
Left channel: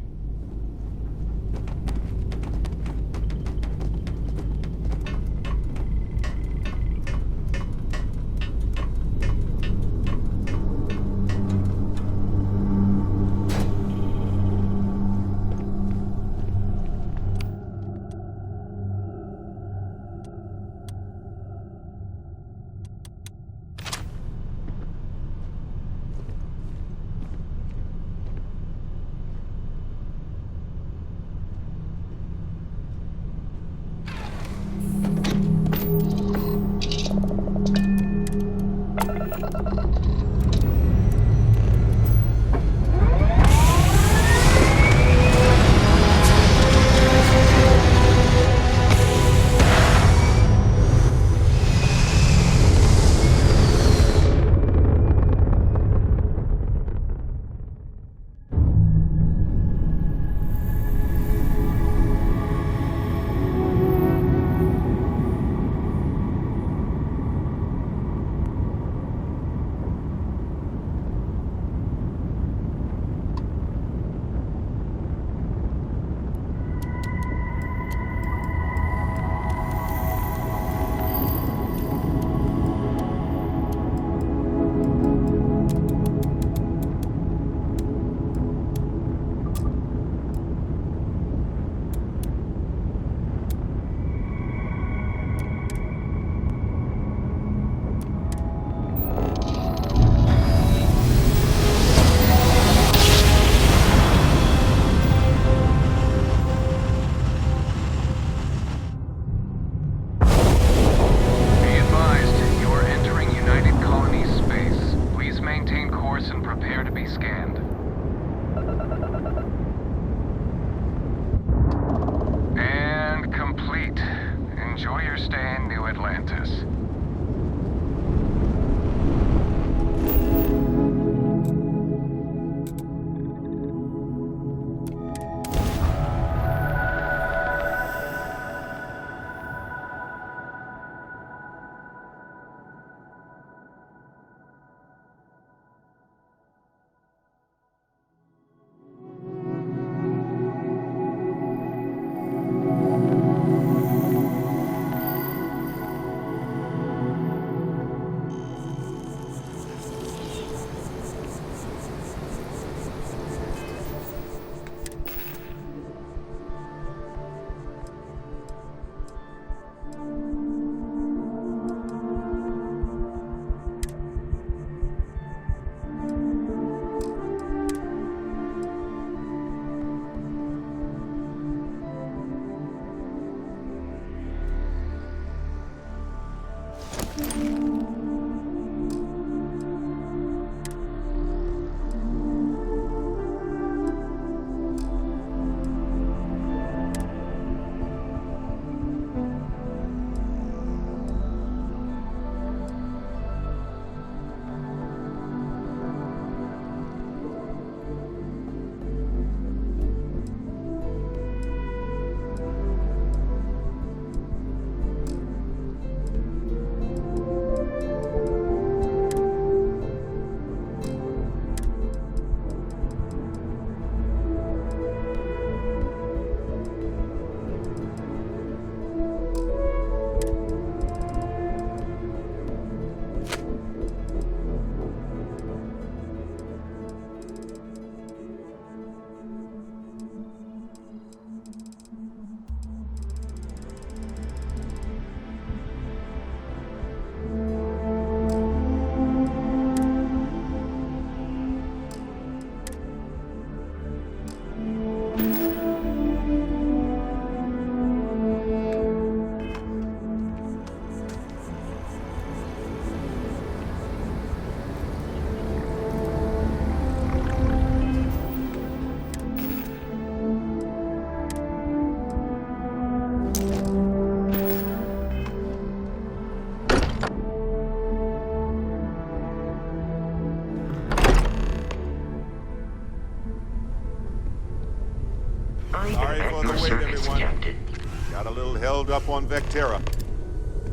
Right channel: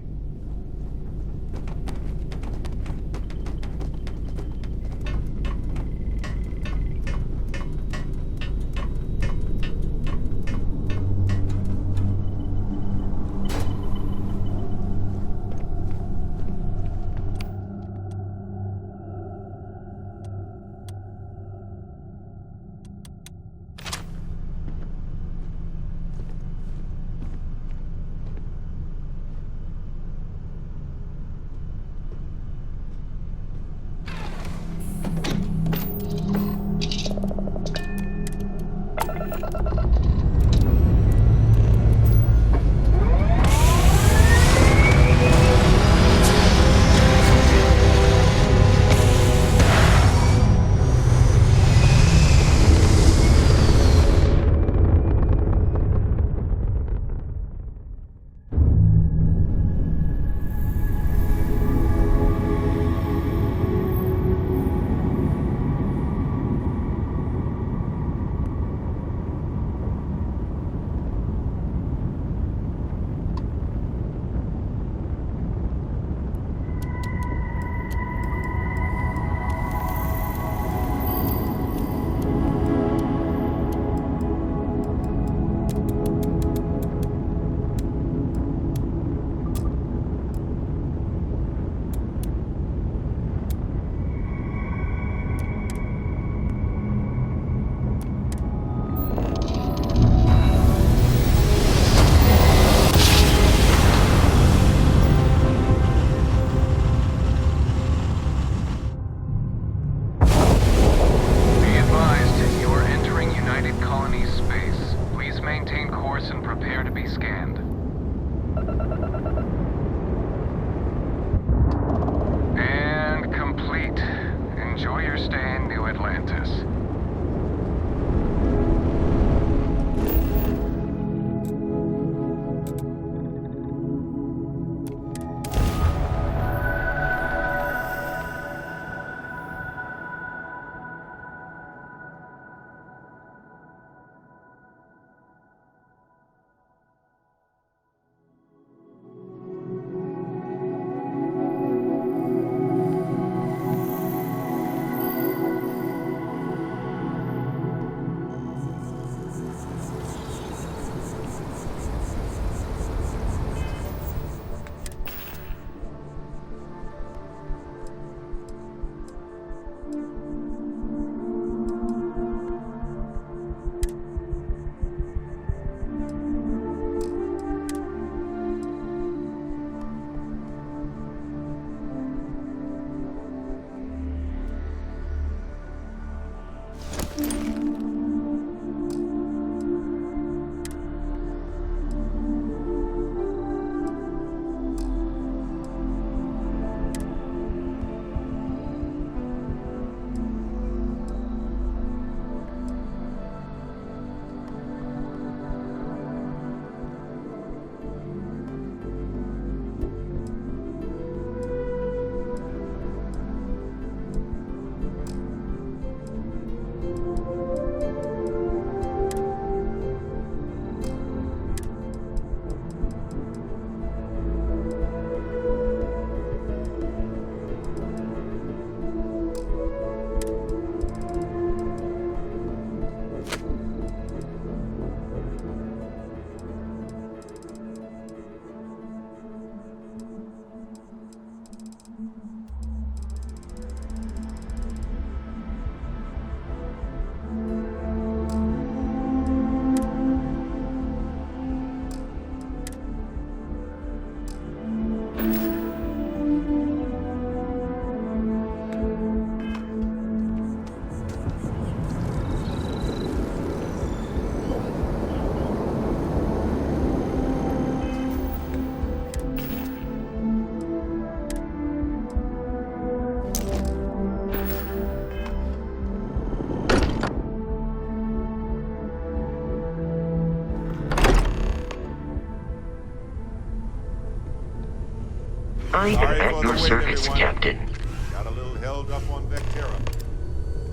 your your service, service, Captain. Got a little held up on Vectera.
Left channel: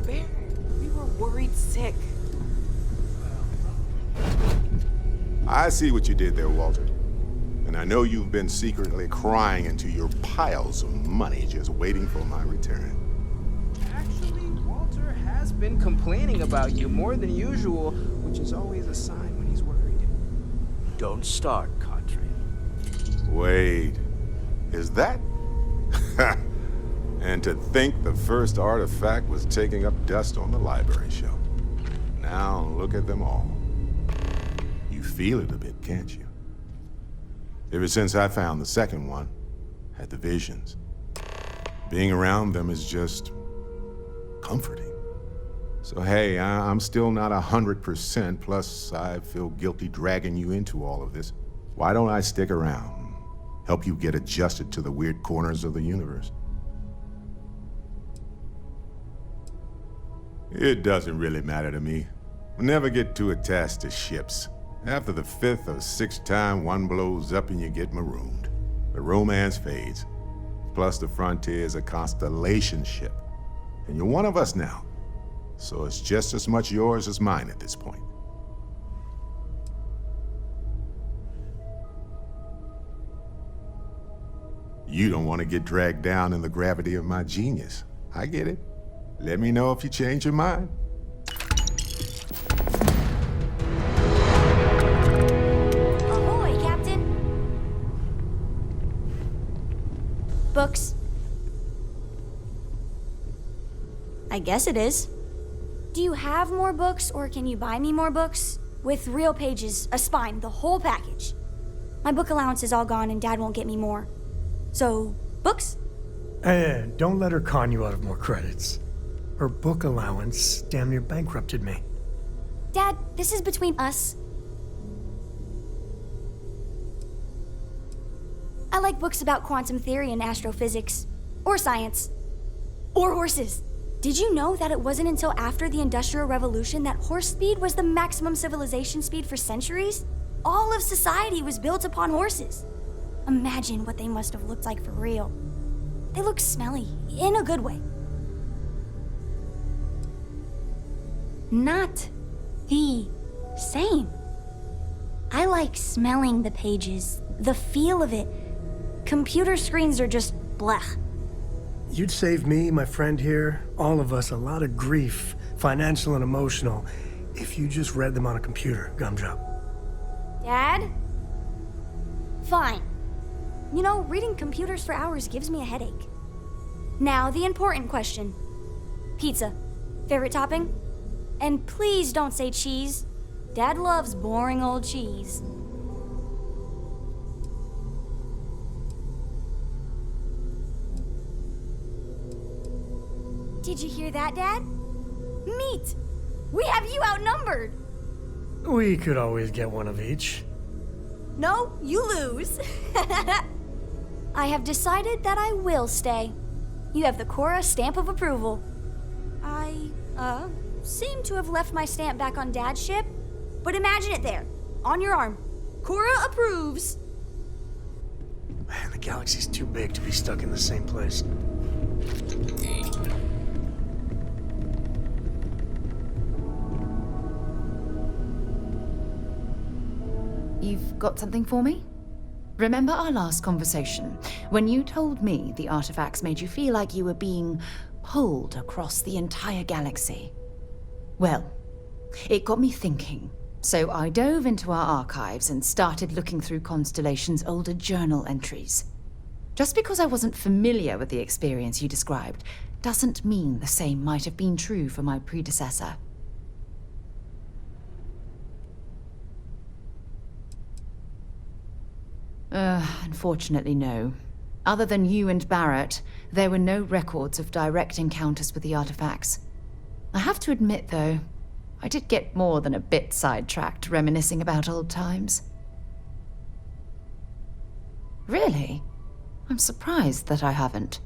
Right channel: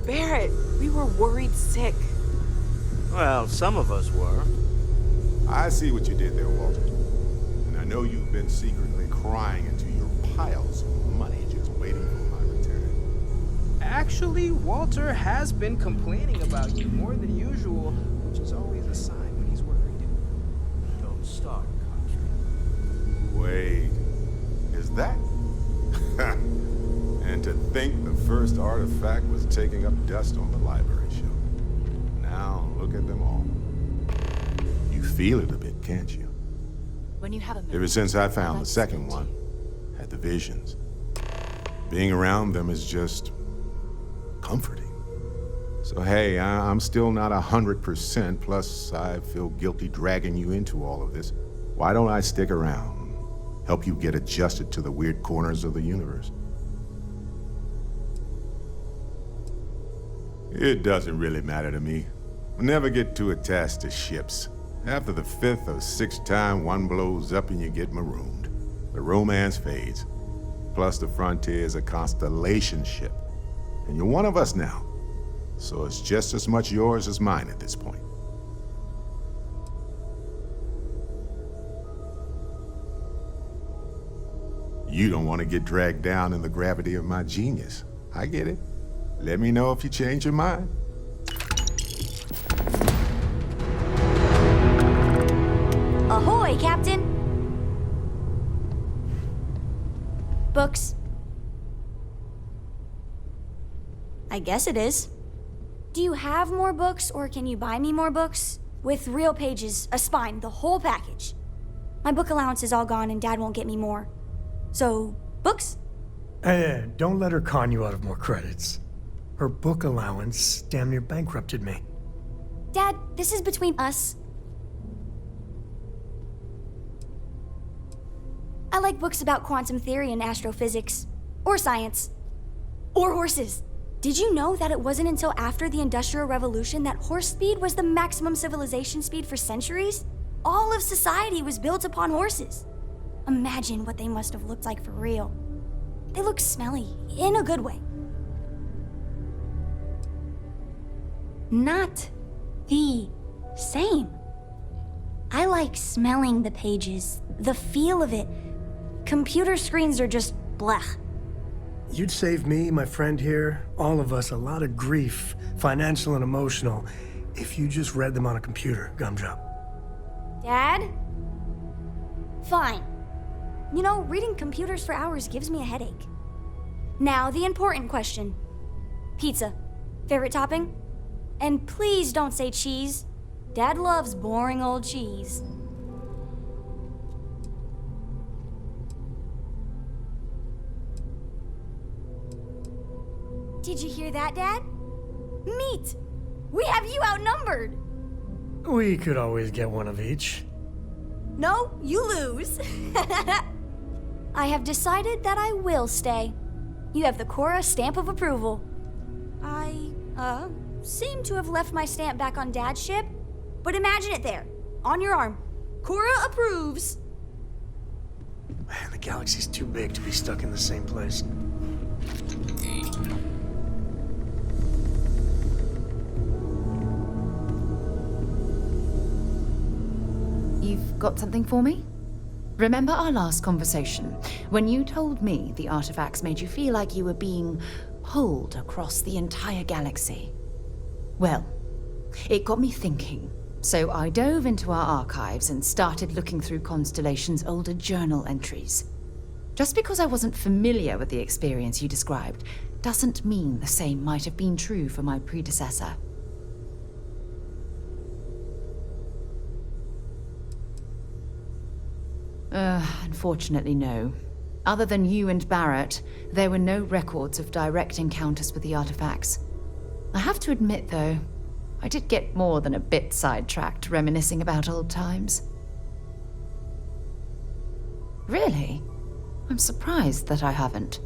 Barrett, we were worried sick. Well, some of us were. I see what you did there, Walter. And I know you've been secretly crying into your piles of money just waiting for my return. Actually, Walter has been complaining about you more than usual, which is always a sign when he's worried. Don't start, Country. Wait, is that? And to think the first artifact was taking up dust on the library shelf. Now look at them all. You feel it a bit, can't you? When you have a Ever since I found the second one, had the visions. Being around them is just comforting. So hey, I'm still not 100%, plus I feel guilty dragging you into all of this. Why don't I stick around, help you get adjusted to the weird corners of the universe? It doesn't really matter to me. I never get too attached to ships. After the 5th or 6th time, one blows up and you get marooned. The romance fades. Plus the Frontier is a constellation ship. And you're one of us now. So it's just as much yours as mine at this point. You don't want to get dragged down in the gravity of my genius. I get it. Let me know if you change your mind. Ahoy, Captain! Books. I guess it is. Do you have more books, or can you buy me more books? With real pages, a spine, the whole package. My book allowance is all gone and Dad won't get me more. So, books? Don't let her con you out of more credits. Her book allowance damn near bankrupted me. Dad, this is between us. I like books about quantum theory and astrophysics. Or science. Or horses. Did you know that it wasn't until after the Industrial Revolution that horse speed was the maximum civilization speed for centuries? All of society was built upon horses. Imagine what they must have looked like for real. They look smelly, in a good way. Not the same. I like smelling the pages, the feel of it. Computer screens are just blech. You'd save me, my friend here, all of us, a lot of grief, financial and emotional, if you just read them on a computer, Gumdrop. Dad? Fine. You know, reading computers for hours gives me a headache. Now, the important question. Pizza. Favorite topping? And please don't say cheese. Dad loves boring old cheese. Did you hear that, Dad? Meat! We have you outnumbered! We could always get one of each. No, you lose. I have decided that I will stay. You have the Cora stamp of approval. I, seem to have left my stamp back on Dad's ship, but imagine it there, on your arm. Cora approves. Man, the galaxy's too big to be stuck in the same place. You've got something for me? Remember our last conversation, when you told me the artifacts made you feel like you were being pulled across the entire galaxy? Well, it got me thinking, so I dove into our archives and started looking through Constellation's older journal entries. Just because I wasn't familiar with the experience you described, doesn't mean the same might have been true for my predecessor. Unfortunately, no. Other than you and Barrett, there were no records of direct encounters with the artifacts. I have to admit, though, I did get more than a bit sidetracked reminiscing about old times. Really? I'm surprised that I haven't.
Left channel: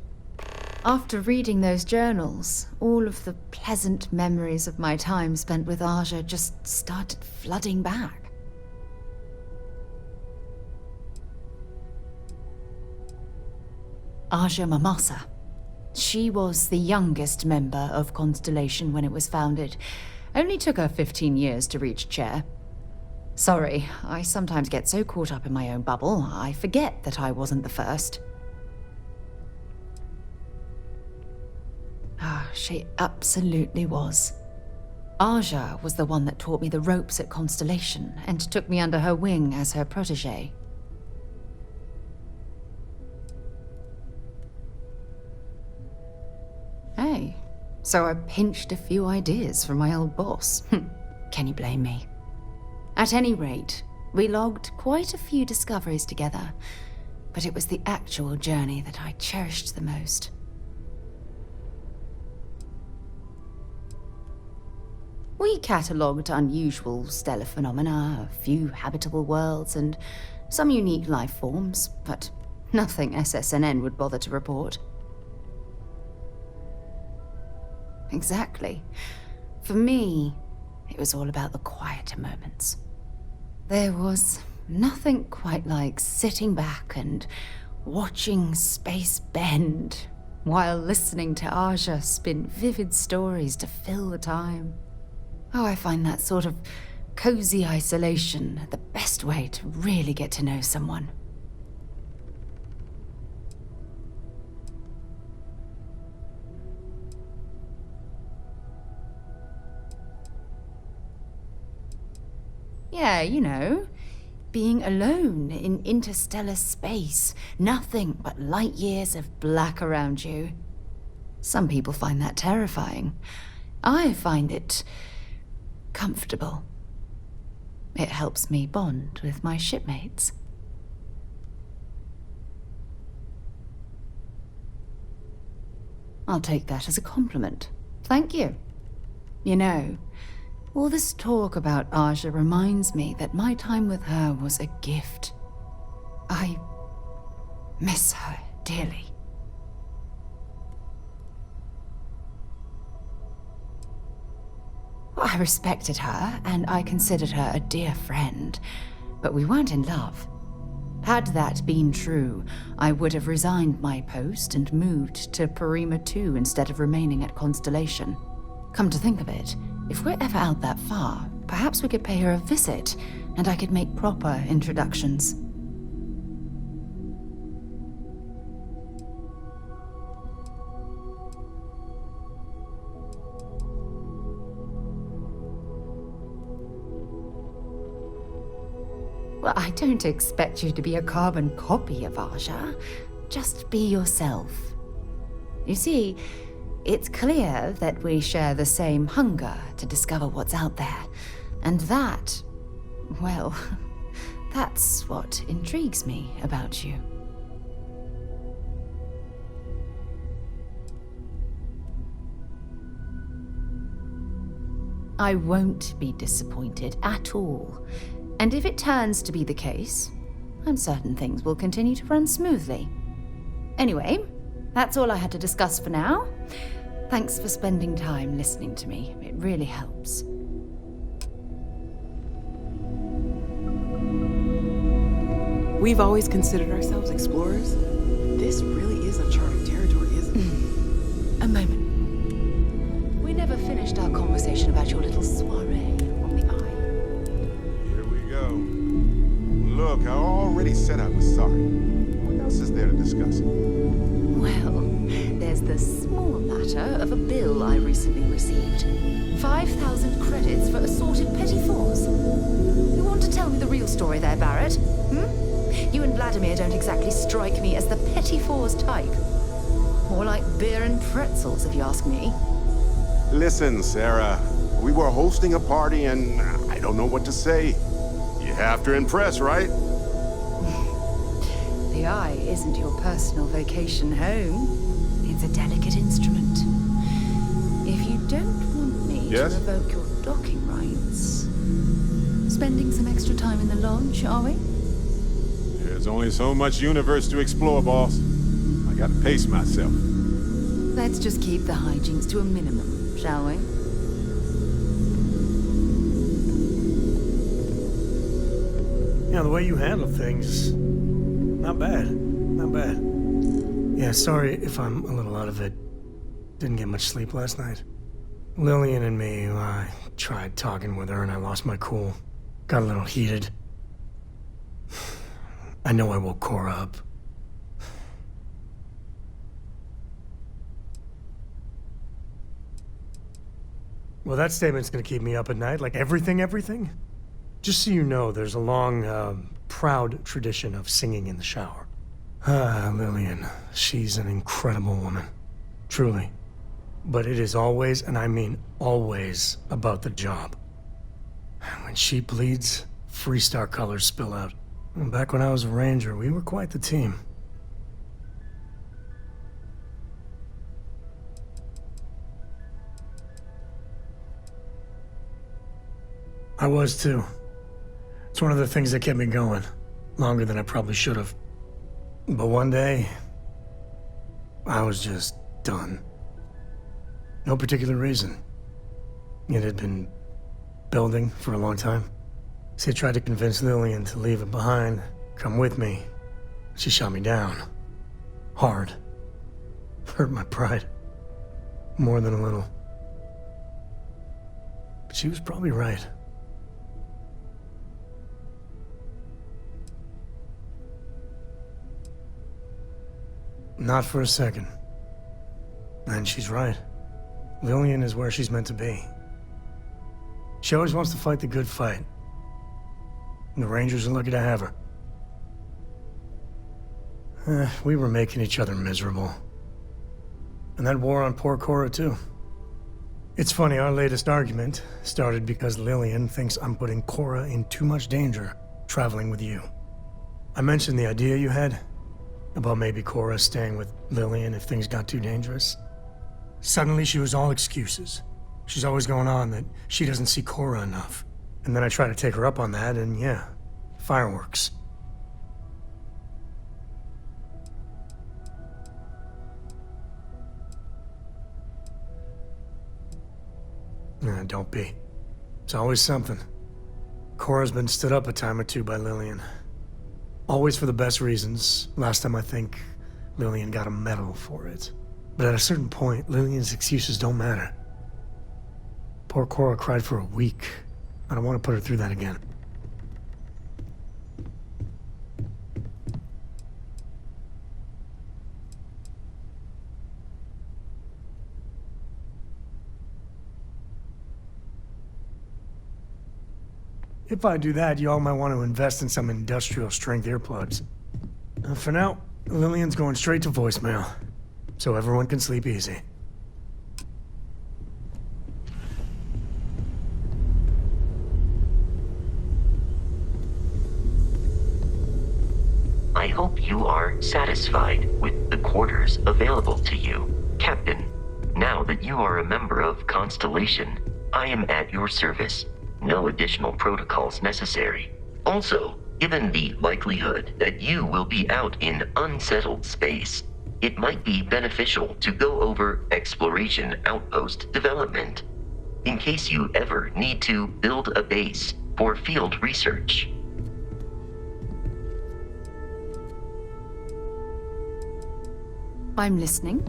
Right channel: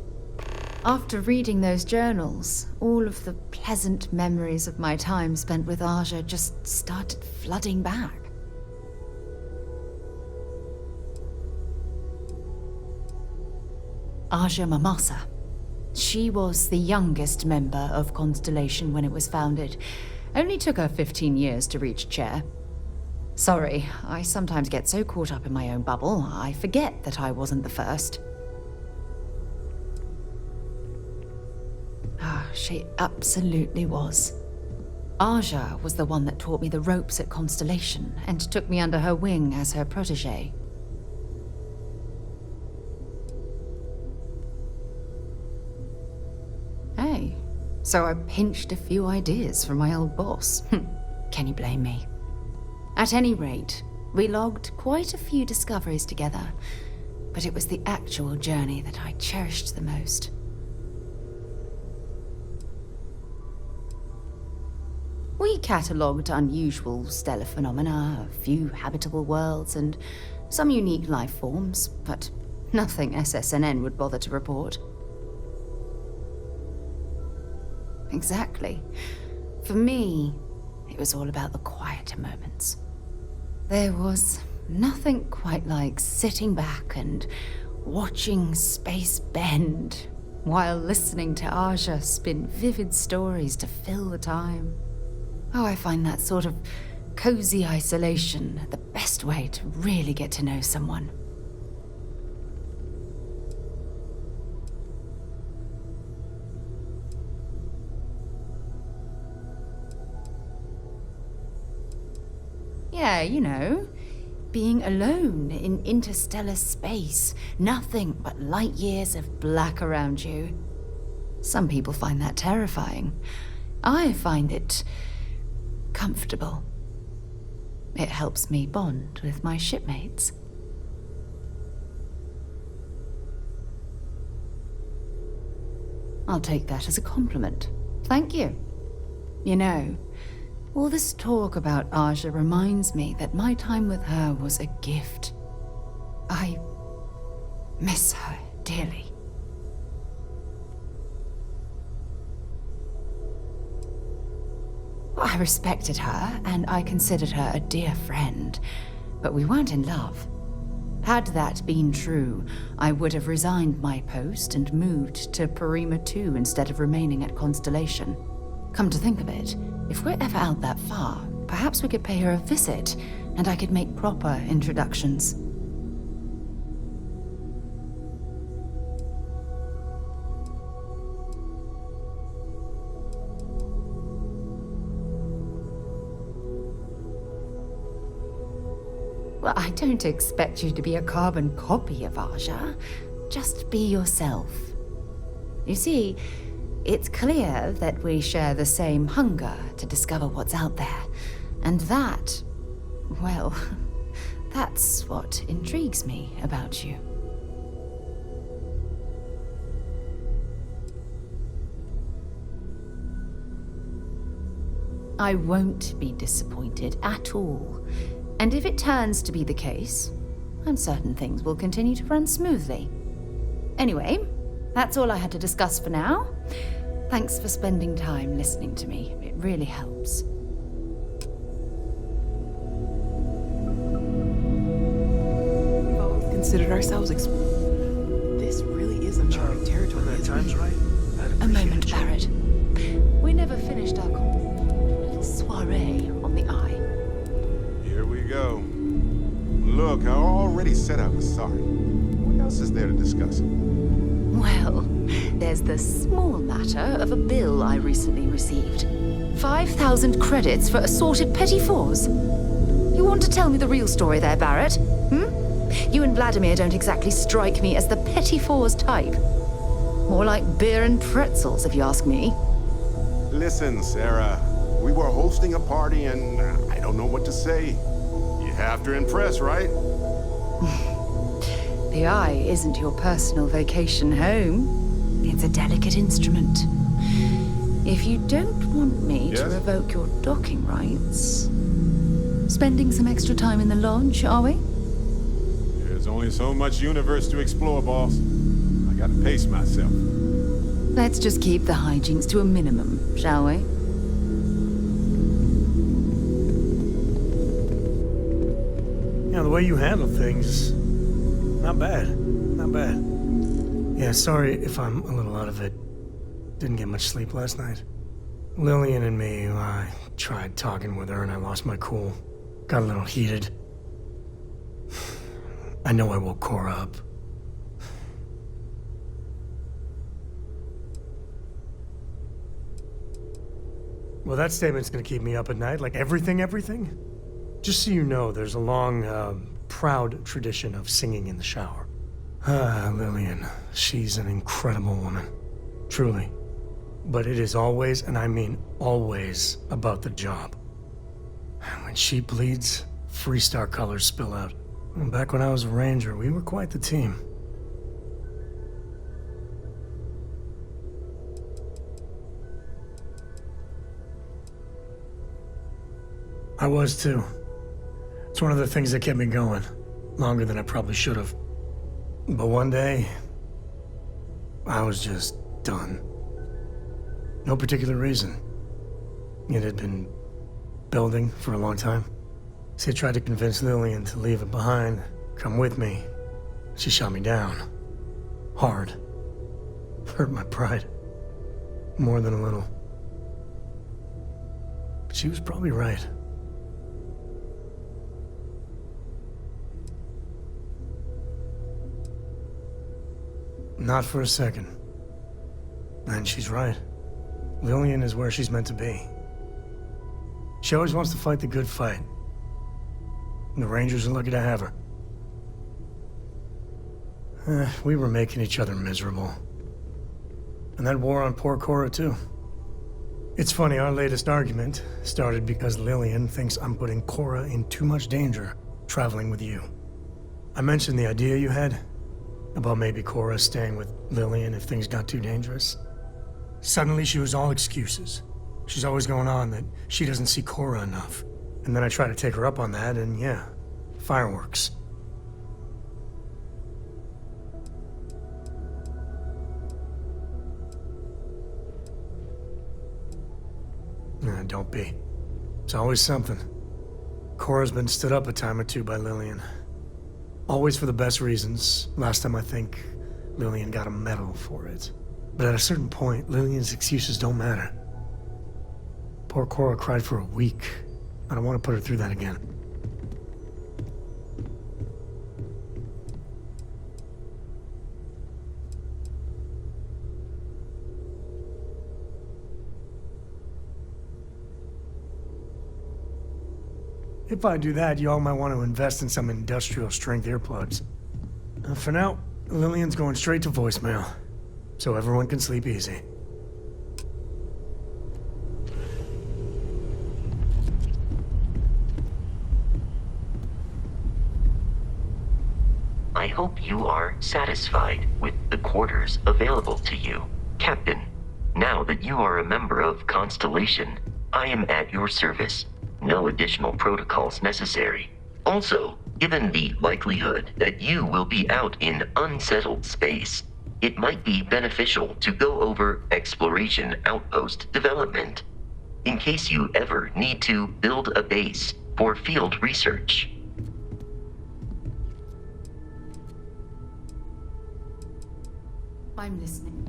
After reading those journals, all of the pleasant memories of my time spent with Aja just started flooding back. Aja Mamasa. She was the youngest member of Constellation when it was founded. Only took her 15 years to reach chair. Sorry, I sometimes get so caught up in my own bubble, I forget that I wasn't the first. She absolutely was. Aja was the one that taught me the ropes at Constellation and took me under her wing as her protege. Hey, so I pinched a few ideas from my old boss. Can you blame me? At any rate, we logged quite a few discoveries together, but it was the actual journey that I cherished the most. We catalogued unusual stellar phenomena, a few habitable worlds, and some unique life forms, but nothing SSNN would bother to report. Exactly. For me, it was all about the quieter moments. There was nothing quite like sitting back and watching space bend while listening to Aja spin vivid stories to fill the time. Oh, I find that sort of cozy isolation the best way to really get to know someone. Yeah, you know, being alone in interstellar space, nothing but light years of black around you. Some people find that terrifying. I find it comfortable. It helps me bond with my shipmates. I'll take that as a compliment. Thank you. You know, all this talk about Aja reminds me that my time with her was a gift. I miss her dearly. I respected her, and I considered her a dear friend, but we weren't in love. Had that been true, I would have resigned my post and moved to Parima 2 instead of remaining at Constellation. Come to think of it, if we're ever out that far, perhaps we could pay her a visit, and I could make proper introductions. Well, I don't expect you to be a carbon copy of Aja. Just be yourself. You see, it's clear that we share the same hunger to discover what's out there. And that, well, that's what intrigues me about you. I won't be disappointed at all. And if it turns to be the case, I'm certain things will continue to run smoothly. Anyway, that's all I had to discuss for now. Thanks for spending time listening to me. It really helps. We've always considered ourselves explorers. This really is uncharted territory, isn't it? A moment, Barrett. We never finished our conversation about your little soiree on the Eye. Here we go. Look, I already said I was sorry. What else is there to discuss? Well, there's the small matter of a bill I recently received. 5,000 credits for assorted petty fours. You want to tell me the real story there, Barrett? You and Vladimir don't exactly strike me as the petty fours type. More like beer and pretzels, if you ask me. Listen, Sarah. We were hosting a party and I don't know what to say. You have to impress, right? The Eye isn't your personal vacation home. It's a delicate instrument. If you don't want me to revoke your docking rights, spending some extra time in the lodge, are we? There's only so much universe to explore, boss. I gotta pace myself. Let's just keep the hijinks to a minimum, shall we? Yeah, the way you handle things, not bad. Not bad. Yeah, sorry if I'm a little out of it. Didn't get much sleep last night. Lillian and me, I tried talking with her and I lost my cool. Got a little heated. I know I woke Cora up. Well, that statement's gonna keep me up at night, like everything? Just so you know, there's a long, proud tradition of singing in the shower. Ah, Lillian. She's an incredible woman. Truly. But it is always, and I mean always, about the job. When she bleeds, Freestar colors spill out. And back when I was a ranger, we were quite the team. I was too. It's one of the things that kept me going. Longer than I probably should have. But one day, I was just done. No particular reason. It had been building for a long time. See, I tried to convince Lillian to leave it behind, come with me. She shot me down. Hard. Hurt my pride. More than a little. But she was probably right. Not for a second. And she's right. Lillian is where she's meant to be. She always wants to fight the good fight. And the Rangers are lucky to have her. We were making each other miserable. And that wore on poor Cora, too. It's funny, our latest argument started because Lillian thinks I'm putting Cora in too much danger traveling with you. I mentioned the idea you had about maybe Cora staying with Lillian if things got too dangerous. Suddenly she was all excuses. She's always going on that she doesn't see Cora enough. And then I try to take her up on that, and yeah, fireworks. Don't be. It's always something. Cora's been stood up a time or two by Lillian. Always for the best reasons. Last time I think Lillian got a medal for it. But at a certain point, Lillian's excuses don't matter. Poor Cora cried for a week. I don't want to put her through that again. If I do that, you all might want to invest in some industrial-strength earplugs. For now, Lillian's going straight to voicemail, so everyone can sleep easy. I hope you are satisfied with the quarters available to you, Captain. Now that you are a member of Constellation, I am at your service. No additional protocols necessary. Also, given the likelihood that you will be out in unsettled space, it might be beneficial to go over exploration outpost development, in case you ever need to build a base for field research. I'm listening.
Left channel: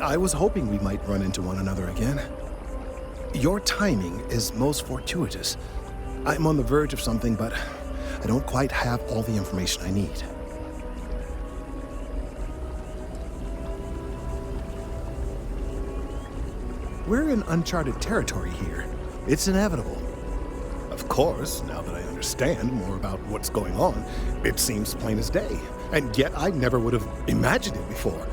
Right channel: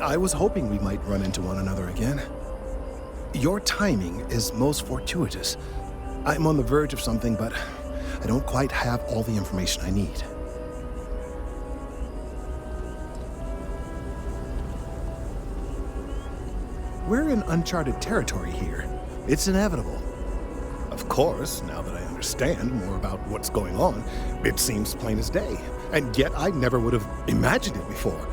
I was hoping we might run into one another again. Your timing is most fortuitous. I'm on the verge of something, but I don't quite have all the information I need. We're in uncharted territory here. It's inevitable. Of course, now that I understand more about what's going on, it seems plain as day. And yet I never would have imagined it before.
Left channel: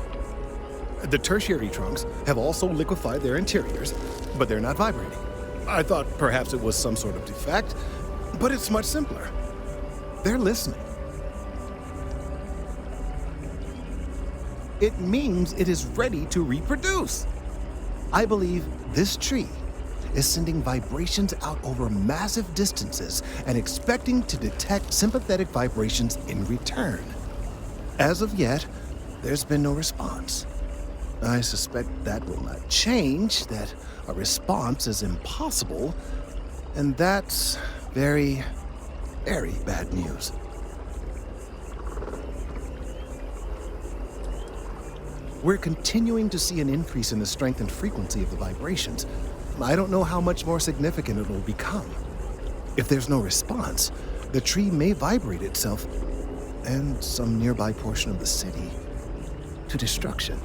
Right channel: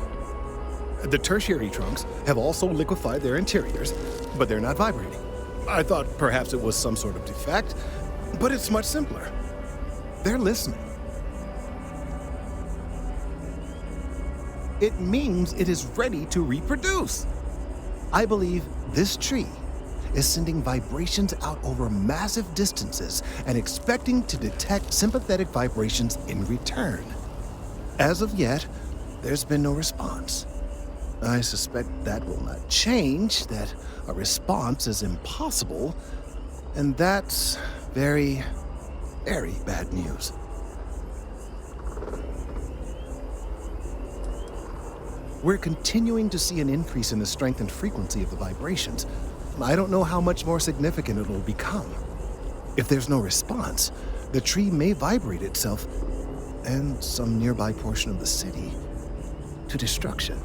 The tertiary trunks have also liquefied their interiors, but they're not vibrating. I thought perhaps it was some sort of defect, but it's much simpler. They're listening. It means it is ready to reproduce. I believe this tree is sending vibrations out over massive distances and expecting to detect sympathetic vibrations in return. As of yet, there's been no response. I suspect that will not change, that a response is impossible, and that's very, very bad news. We're continuing to see an increase in the strength and frequency of the vibrations. I don't know how much more significant it will become. If there's no response, the tree may vibrate itself and some nearby portion of the city to destruction.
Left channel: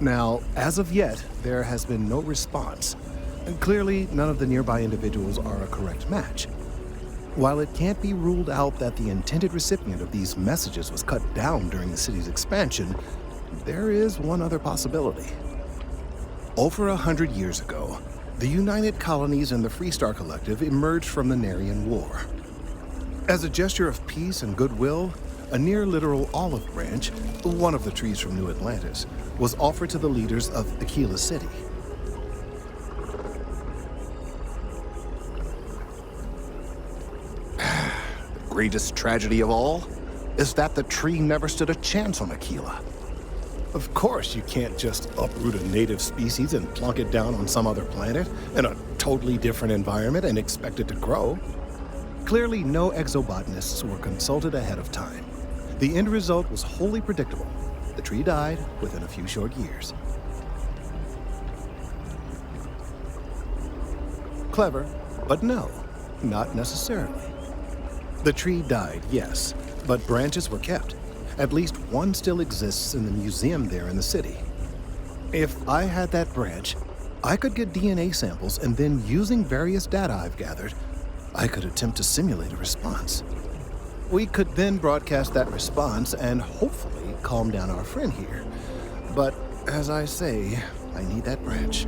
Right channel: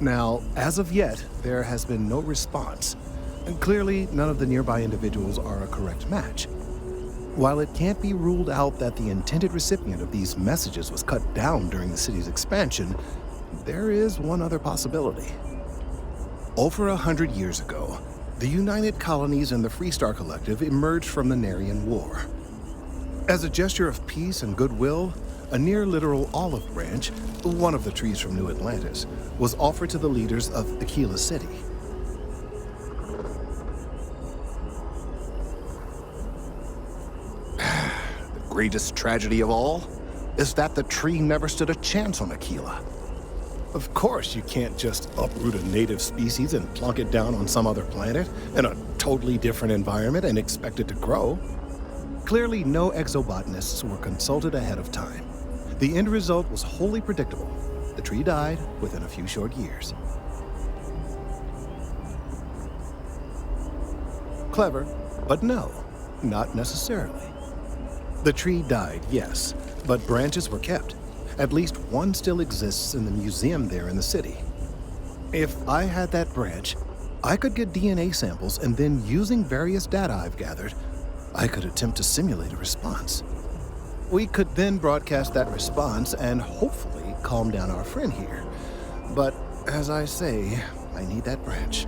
Now, as of yet, there has been no response, and clearly none of the nearby individuals are a correct match. While it can't be ruled out that the intended recipient of these messages was cut down during the city's expansion, there is one other possibility. Over 100 years ago, the United Colonies and the Freestar Collective emerged from the Narian War. As a gesture of peace and goodwill, a near-literal olive branch, one of the trees from New Atlantis, was offered to the leaders of Aquila City. The greatest tragedy of all is that the tree never stood a chance on Aquila. Of course, you can't just uproot a native species and plunk it down on some other planet in a totally different environment and expect it to grow. Clearly, no exobotanists were consulted ahead of time. The end result was wholly predictable. The tree died within a few short years. Clever, but no, not necessarily. The tree died, yes, but branches were kept. At least one still exists in the museum there in the city. If I had that branch, I could get DNA samples, and then using various data I've gathered, I could attempt to simulate a response. We could then broadcast that response and hopefully calm down our friend here. But as I say, I need that branch.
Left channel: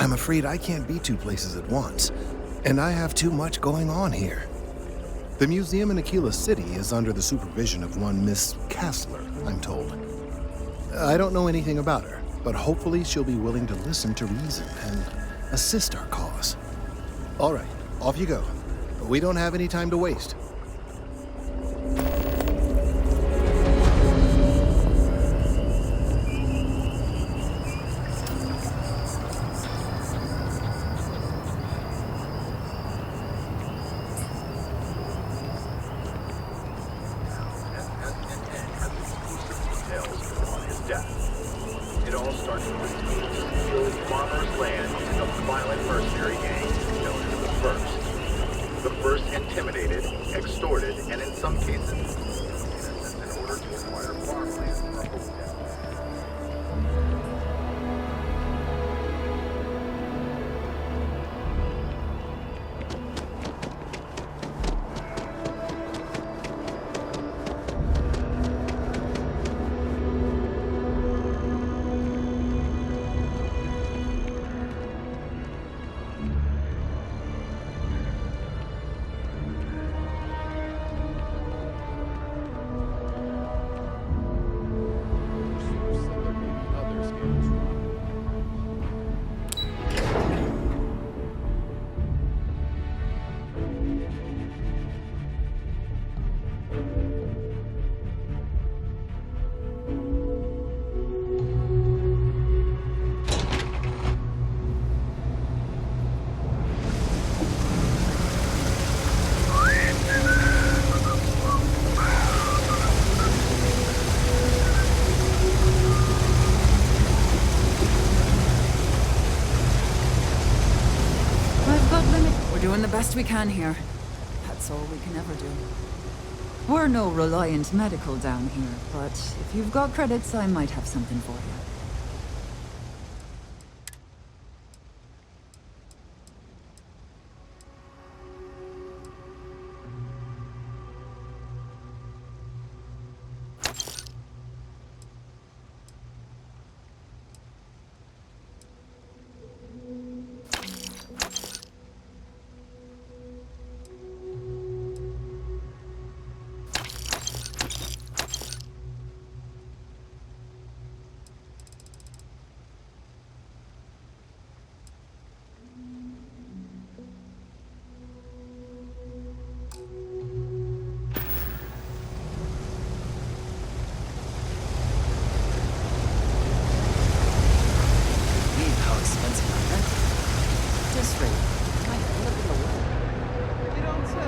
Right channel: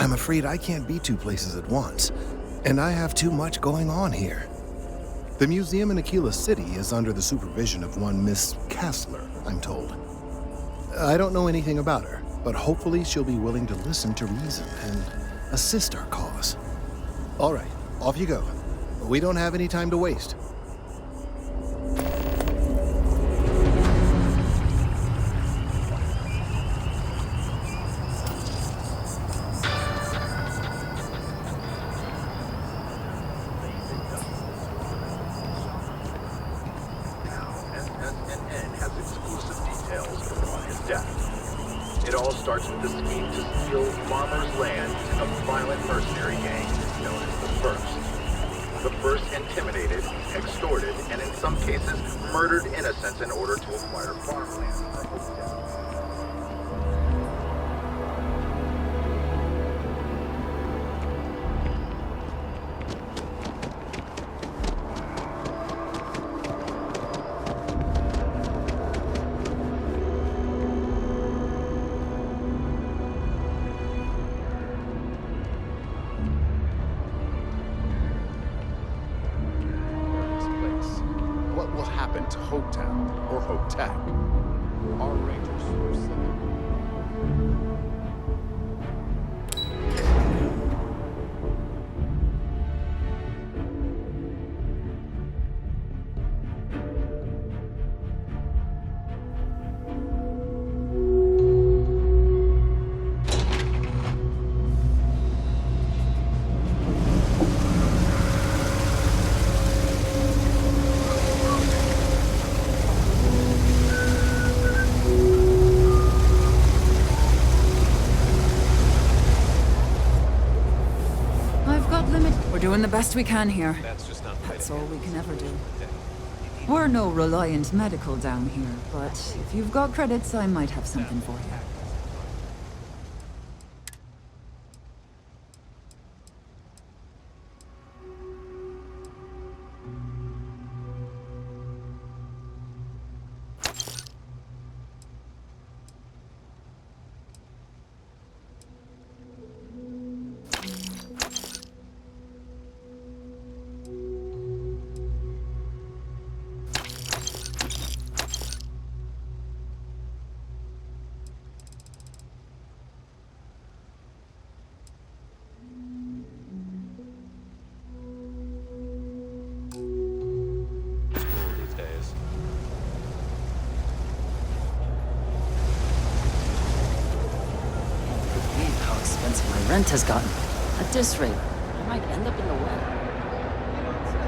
I'm afraid I can't be two places at once, and I have too much going on here. The museum in Aquila City is under the supervision of one Miss Kassler, I'm told. I don't know anything about her, but hopefully she'll be willing to listen to reason and assist our cause. All right, off you go. We don't have any time to waste. It all starts with the scheme to steal farmers' land using a violent mercenary gang known as the First. The First intimidated, extorted, and in some cases murdered innocents in order to acquire farmland for hotels. doing the best we can here. That's all we can ever do. We're no Reliant Medical down here, but if you've got credits, I might have something for you. My rent has gotten. At this rate, I might end up in the well. You don't say.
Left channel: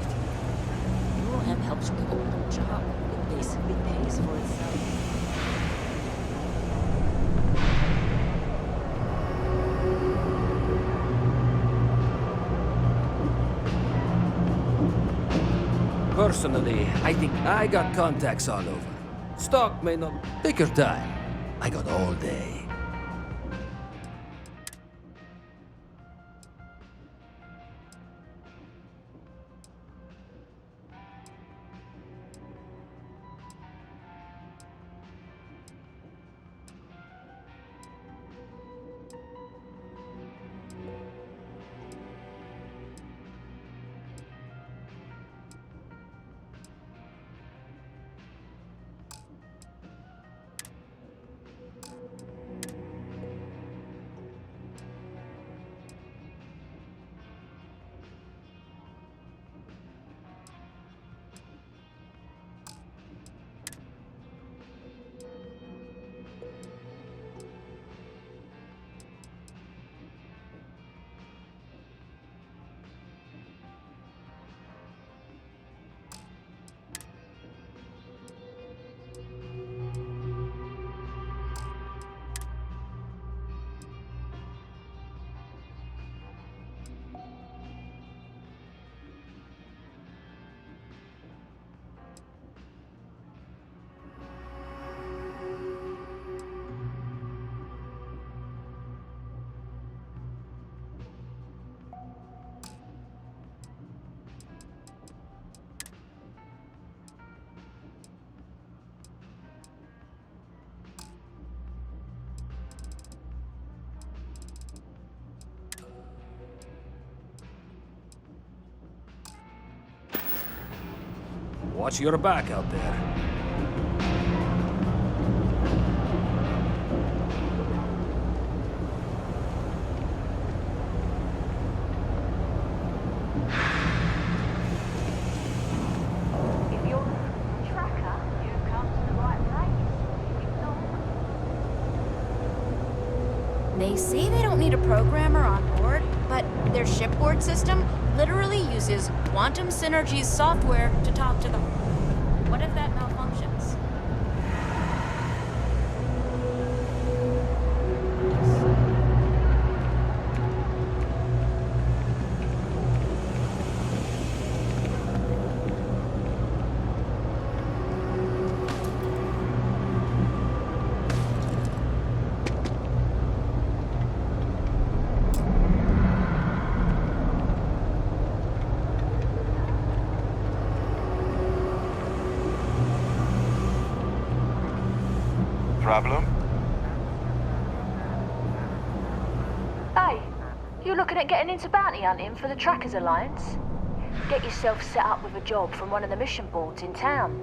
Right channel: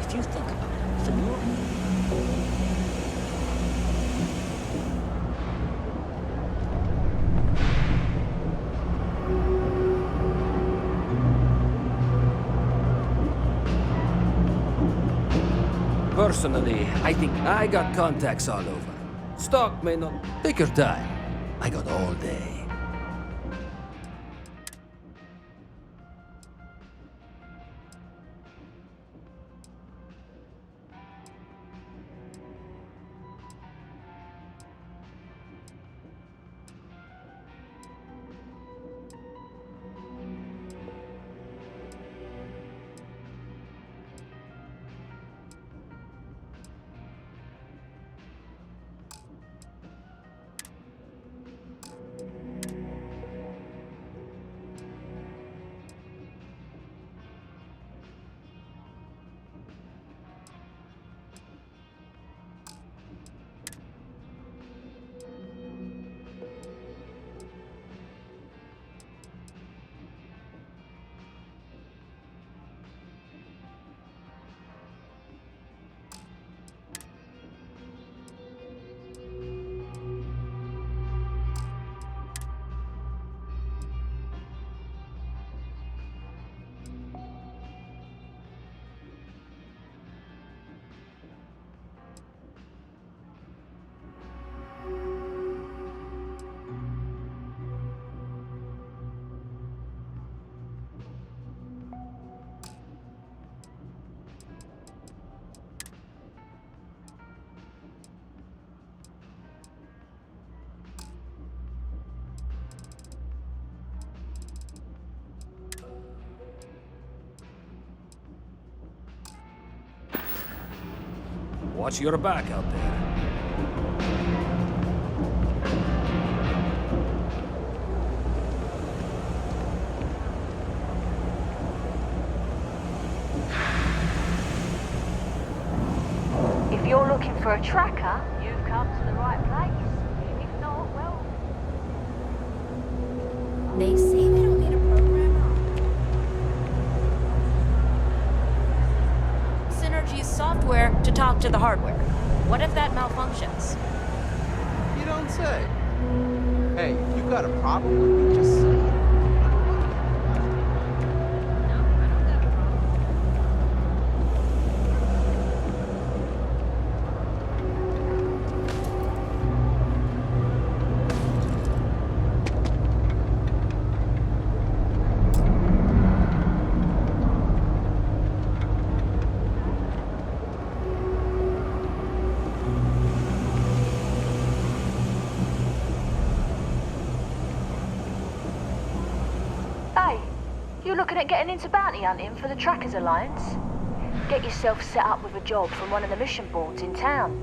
If you think about it, the neural hand helps you manage your body. Personally, I think I got contacts all over. Stock may not... Take your time. I got all day. Watch your back out there. If you're looking for a tracker, you've come to the right place. If not, well... They say they don't need a programmer on board, but their shipboard system literally uses Quantum Synergy's software to talk to the hardware. What if that malfunctions? You don't say. Hey, you got a problem? Just say it. Problem? Hey, you looking at getting into bounty hunting for the Trackers Alliance? Get yourself set up with a job from one of the mission boards in town.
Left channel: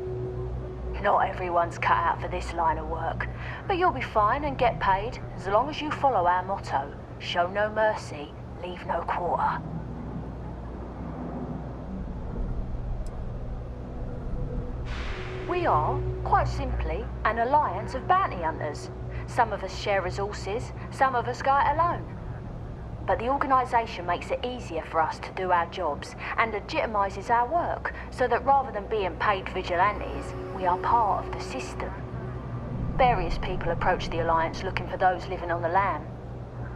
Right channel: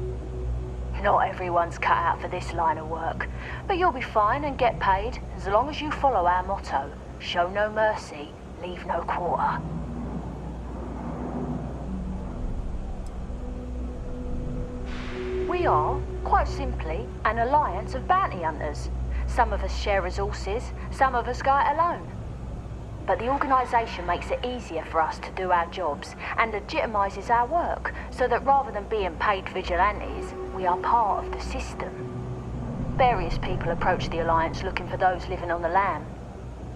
Not everyone's cut out for this line of work, but you'll be fine and get paid as long as you follow our motto, show no mercy, leave no quarter. We are, quite simply, an alliance of bounty hunters. Some of us share resources, some of us go it alone. But the organisation makes it easier for us to do our jobs and legitimises our work, so that rather than being paid vigilantes, we are part of the system. Various people approach the Alliance looking for those living on the lam.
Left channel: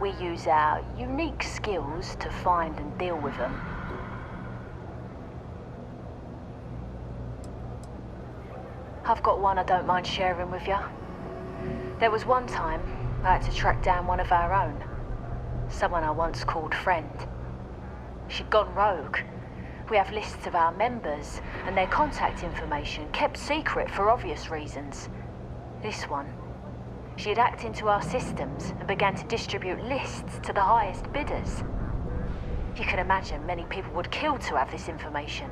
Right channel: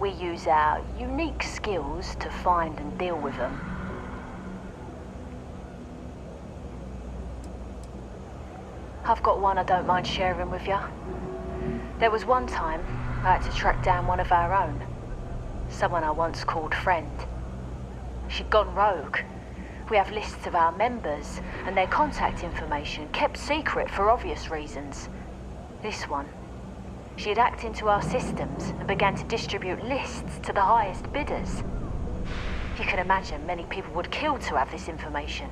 We use our unique skills to find and deal with them. I've got one I don't mind sharing with you. There was one time I had to track down one of our own. Someone I once called friend. She'd gone rogue. We have lists of our members and their contact information kept secret for obvious reasons. This one, she had hacked into our systems and began to distribute lists to the highest bidders. You can imagine many people would kill to have this information.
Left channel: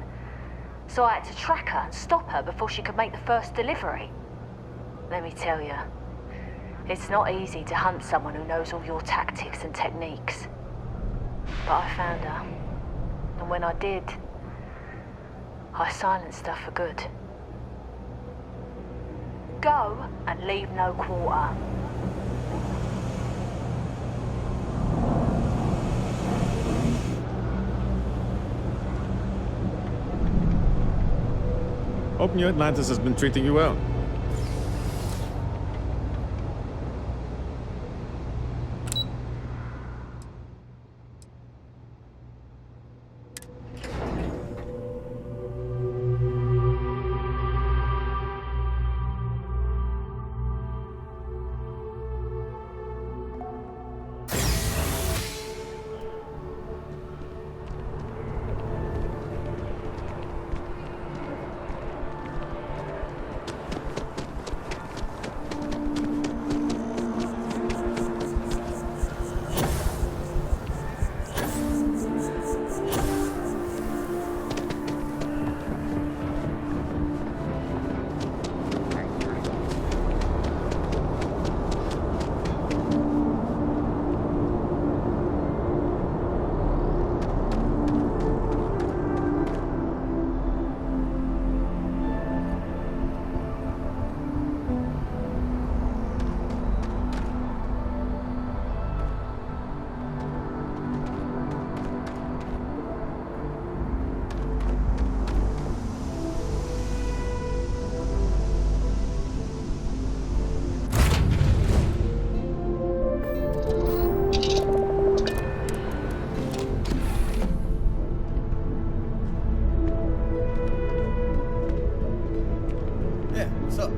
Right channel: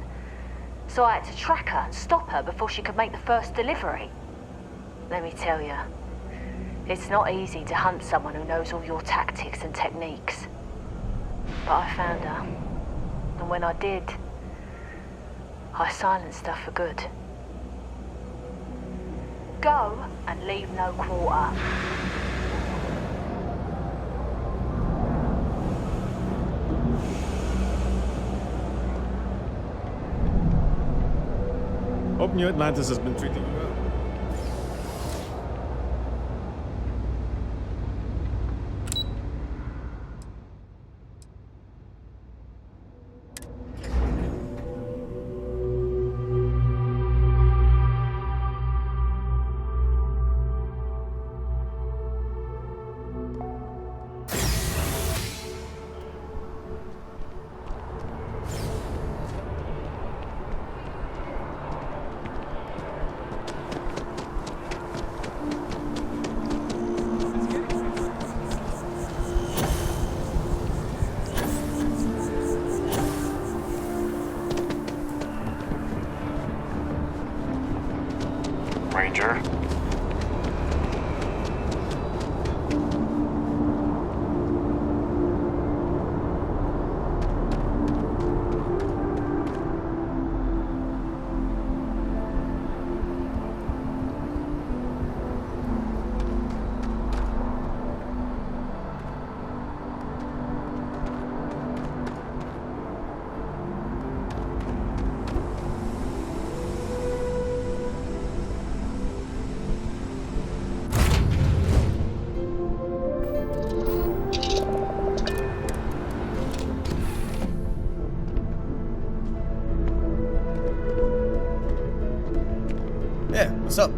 So I had to track her and stop her before she could make the first delivery. Let me tell you, it's not easy to hunt someone who knows all your tactics and techniques. But I found her, and when I did, I silenced her for good. Go and leave no quarter. Hope New Atlantis has been treating you well. Ranger. Yeah, what's up?